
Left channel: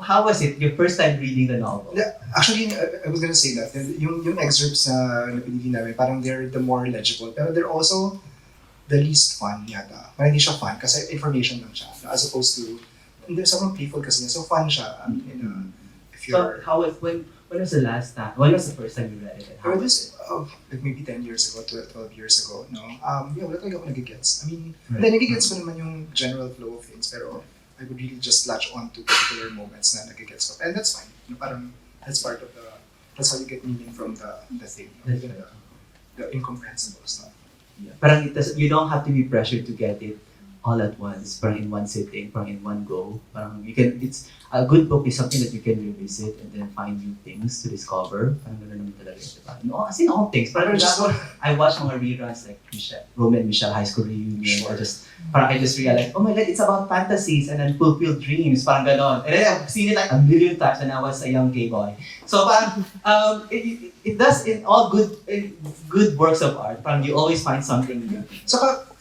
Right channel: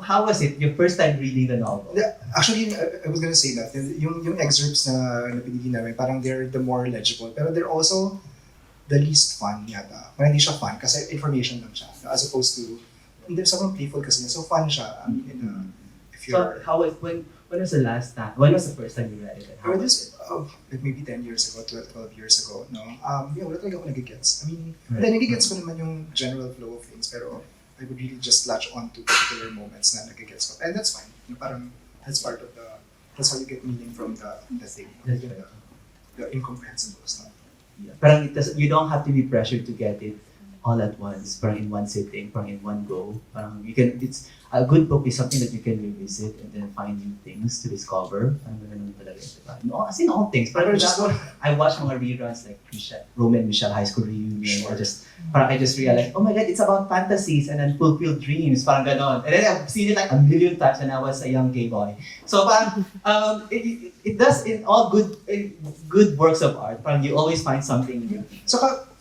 how was it your first time reading the novel? Yeah, actually, I was gonna say that yung excerpts na pinili namin, parang they're the more legible, pero they're also the least fun yata. Parang hindi siya fun kasi information lang siya, as opposed to there's someone playful kasi niya. So fun siya. If So you're... how was when was the last time? When was the first time you read it? And I how read was this like maybe 10 years ago, 12 years ago, no? Yeah, wala talaga ako nagigets. I mean, Right. then nagigets ko naman yung general flow of things, pero I would really just latch on to particular moments na nagigets ko. And that's fine. You know, parang that's part of that's how you get meaning from the thing. No? That's right. The incomprehensible stuff. Yeah. Parang you don't have to be pressured to get it all at once, parang in one sitting, parang in one go. Parang it's a good book is something that you can revisit and then find new things to discover. Parang ganun naman talaga ito. No, as in all things. Parang I watch mga reruns like Roman Michelle High School Reunion. Sure. I just realized, oh my God, it's about fantasies and unfulfilled dreams. Parang ganon. And then I've seen it like a million times when I was a young gay boy. So parang it does in all good works of art. Parang you always find something new. Saka,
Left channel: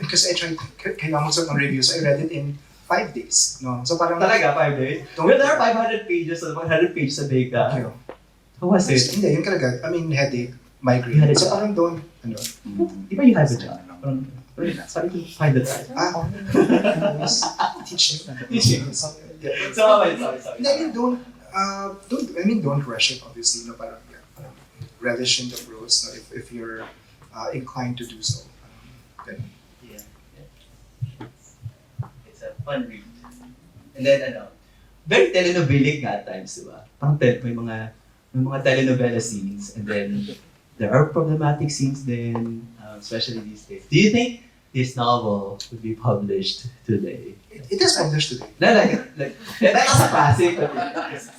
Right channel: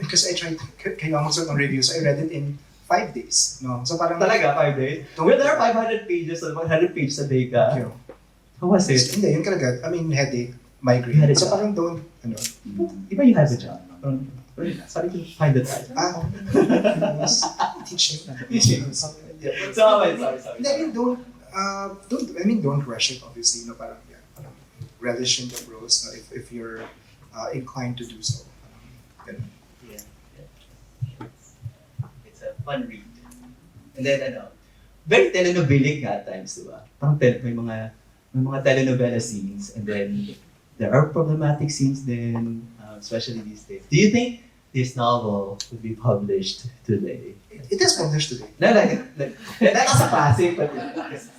because I tried, kailangan mo ng reviews, I read it in 5 days. No? So parang... Talaga, 5 days? Don't- Well, there are 500 pages, so 100 pages a day ka. You know, How was it? Hindi, yun talaga. I mean, headache, You migraine. had a So job. parang don't, Di ba you have a job? Sorry to find the time. teach me. Yeah. Sorry. Hindi, I mean, don't rush it, obviously. No, parang, yeah, parang relish in the prose, no, if you're inclined to do so. Ganun. Yeah. It's a fun read. And then very telenovelic nga at times, di ba? Parang may mga telenovela scenes, and then there are problematic scenes then, especially these days. Do you think this novel would be published today? It is published today. No, that's a classic. But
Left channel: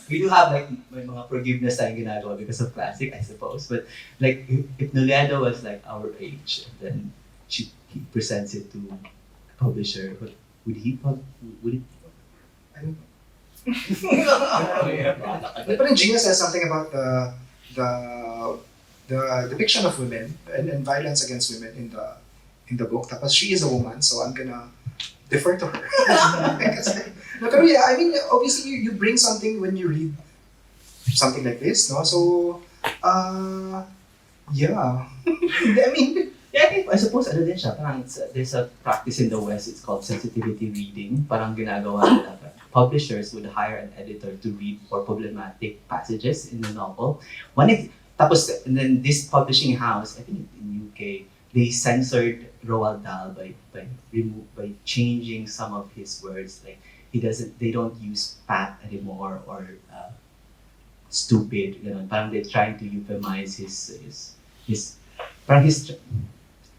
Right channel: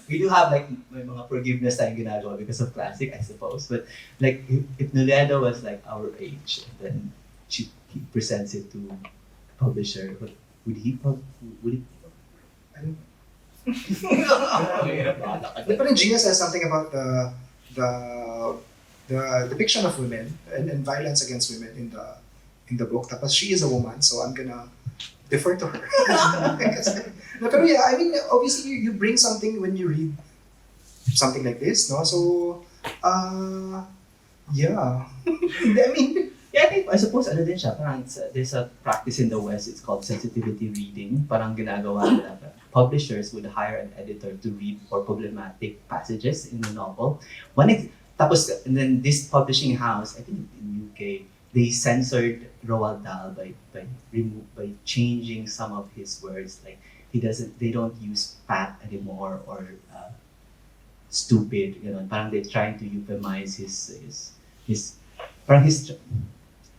we do have like may mga forgiveness tayong ginagawa because of classic, I suppose. But like if Nolledo was like our age, then he presents it to a publisher. Would he? I don't know. But parang Gina says something about the depiction of women and violence against women in the book. Tapos she is a woman, so I'm gonna defer to her. No, pero yeah, I mean, obviously you bring something when you read something like this, no? So, yeah. I mean, Yeah, I suppose din siya, parang there's a practice in the West, it's called sensitivity reading. Parang ginagawa nila, publishers would hire an editor to read for problematic passages in the novel. And then this publishing house, I think in UK, they censored Roald Dahl by changing some of his words. Like they don't use fat anymore or stupid. You know, parang they're trying to euphemize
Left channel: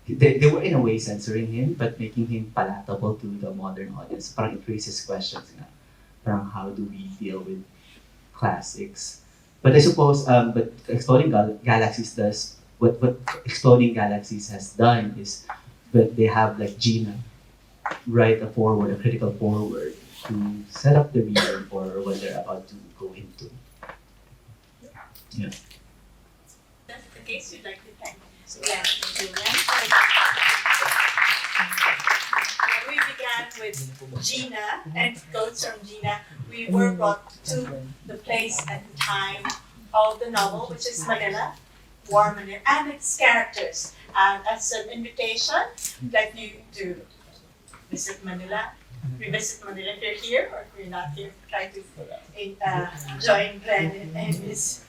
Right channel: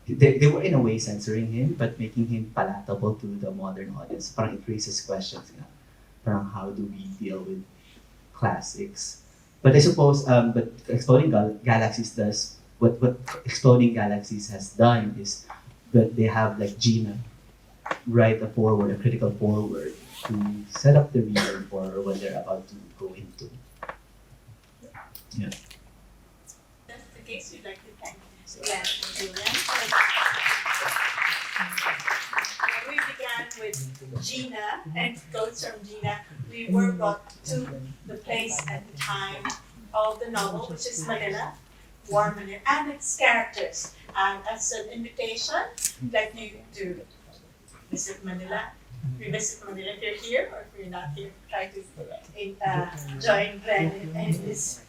they were in a way censoring him, but making him palatable to the modern audience. Parang it raises questions nga. Parang how do we deal with classics? But I suppose, but Exploding Galaxies does, what Exploding Galaxies has done is that they have like Gina write a critical foreword to set up the reader for what they're about to go into. Yeah. That's the case. We'd like to thank Glenn and Julian. We began with Gina and quotes from Gina. We were brought to the place and time of the novel, which is Manila, War Manila, and its characters. And as an invitation, I'd like you to visit Manila. Revisit Manila if you're here, or if you're not here, try to join Glenn in his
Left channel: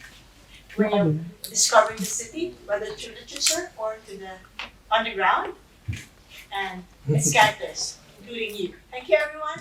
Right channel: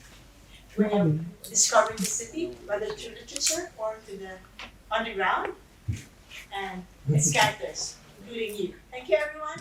way of discovering the city, whether through literature or to the underground, and its characters, including you. Thank you, everyone.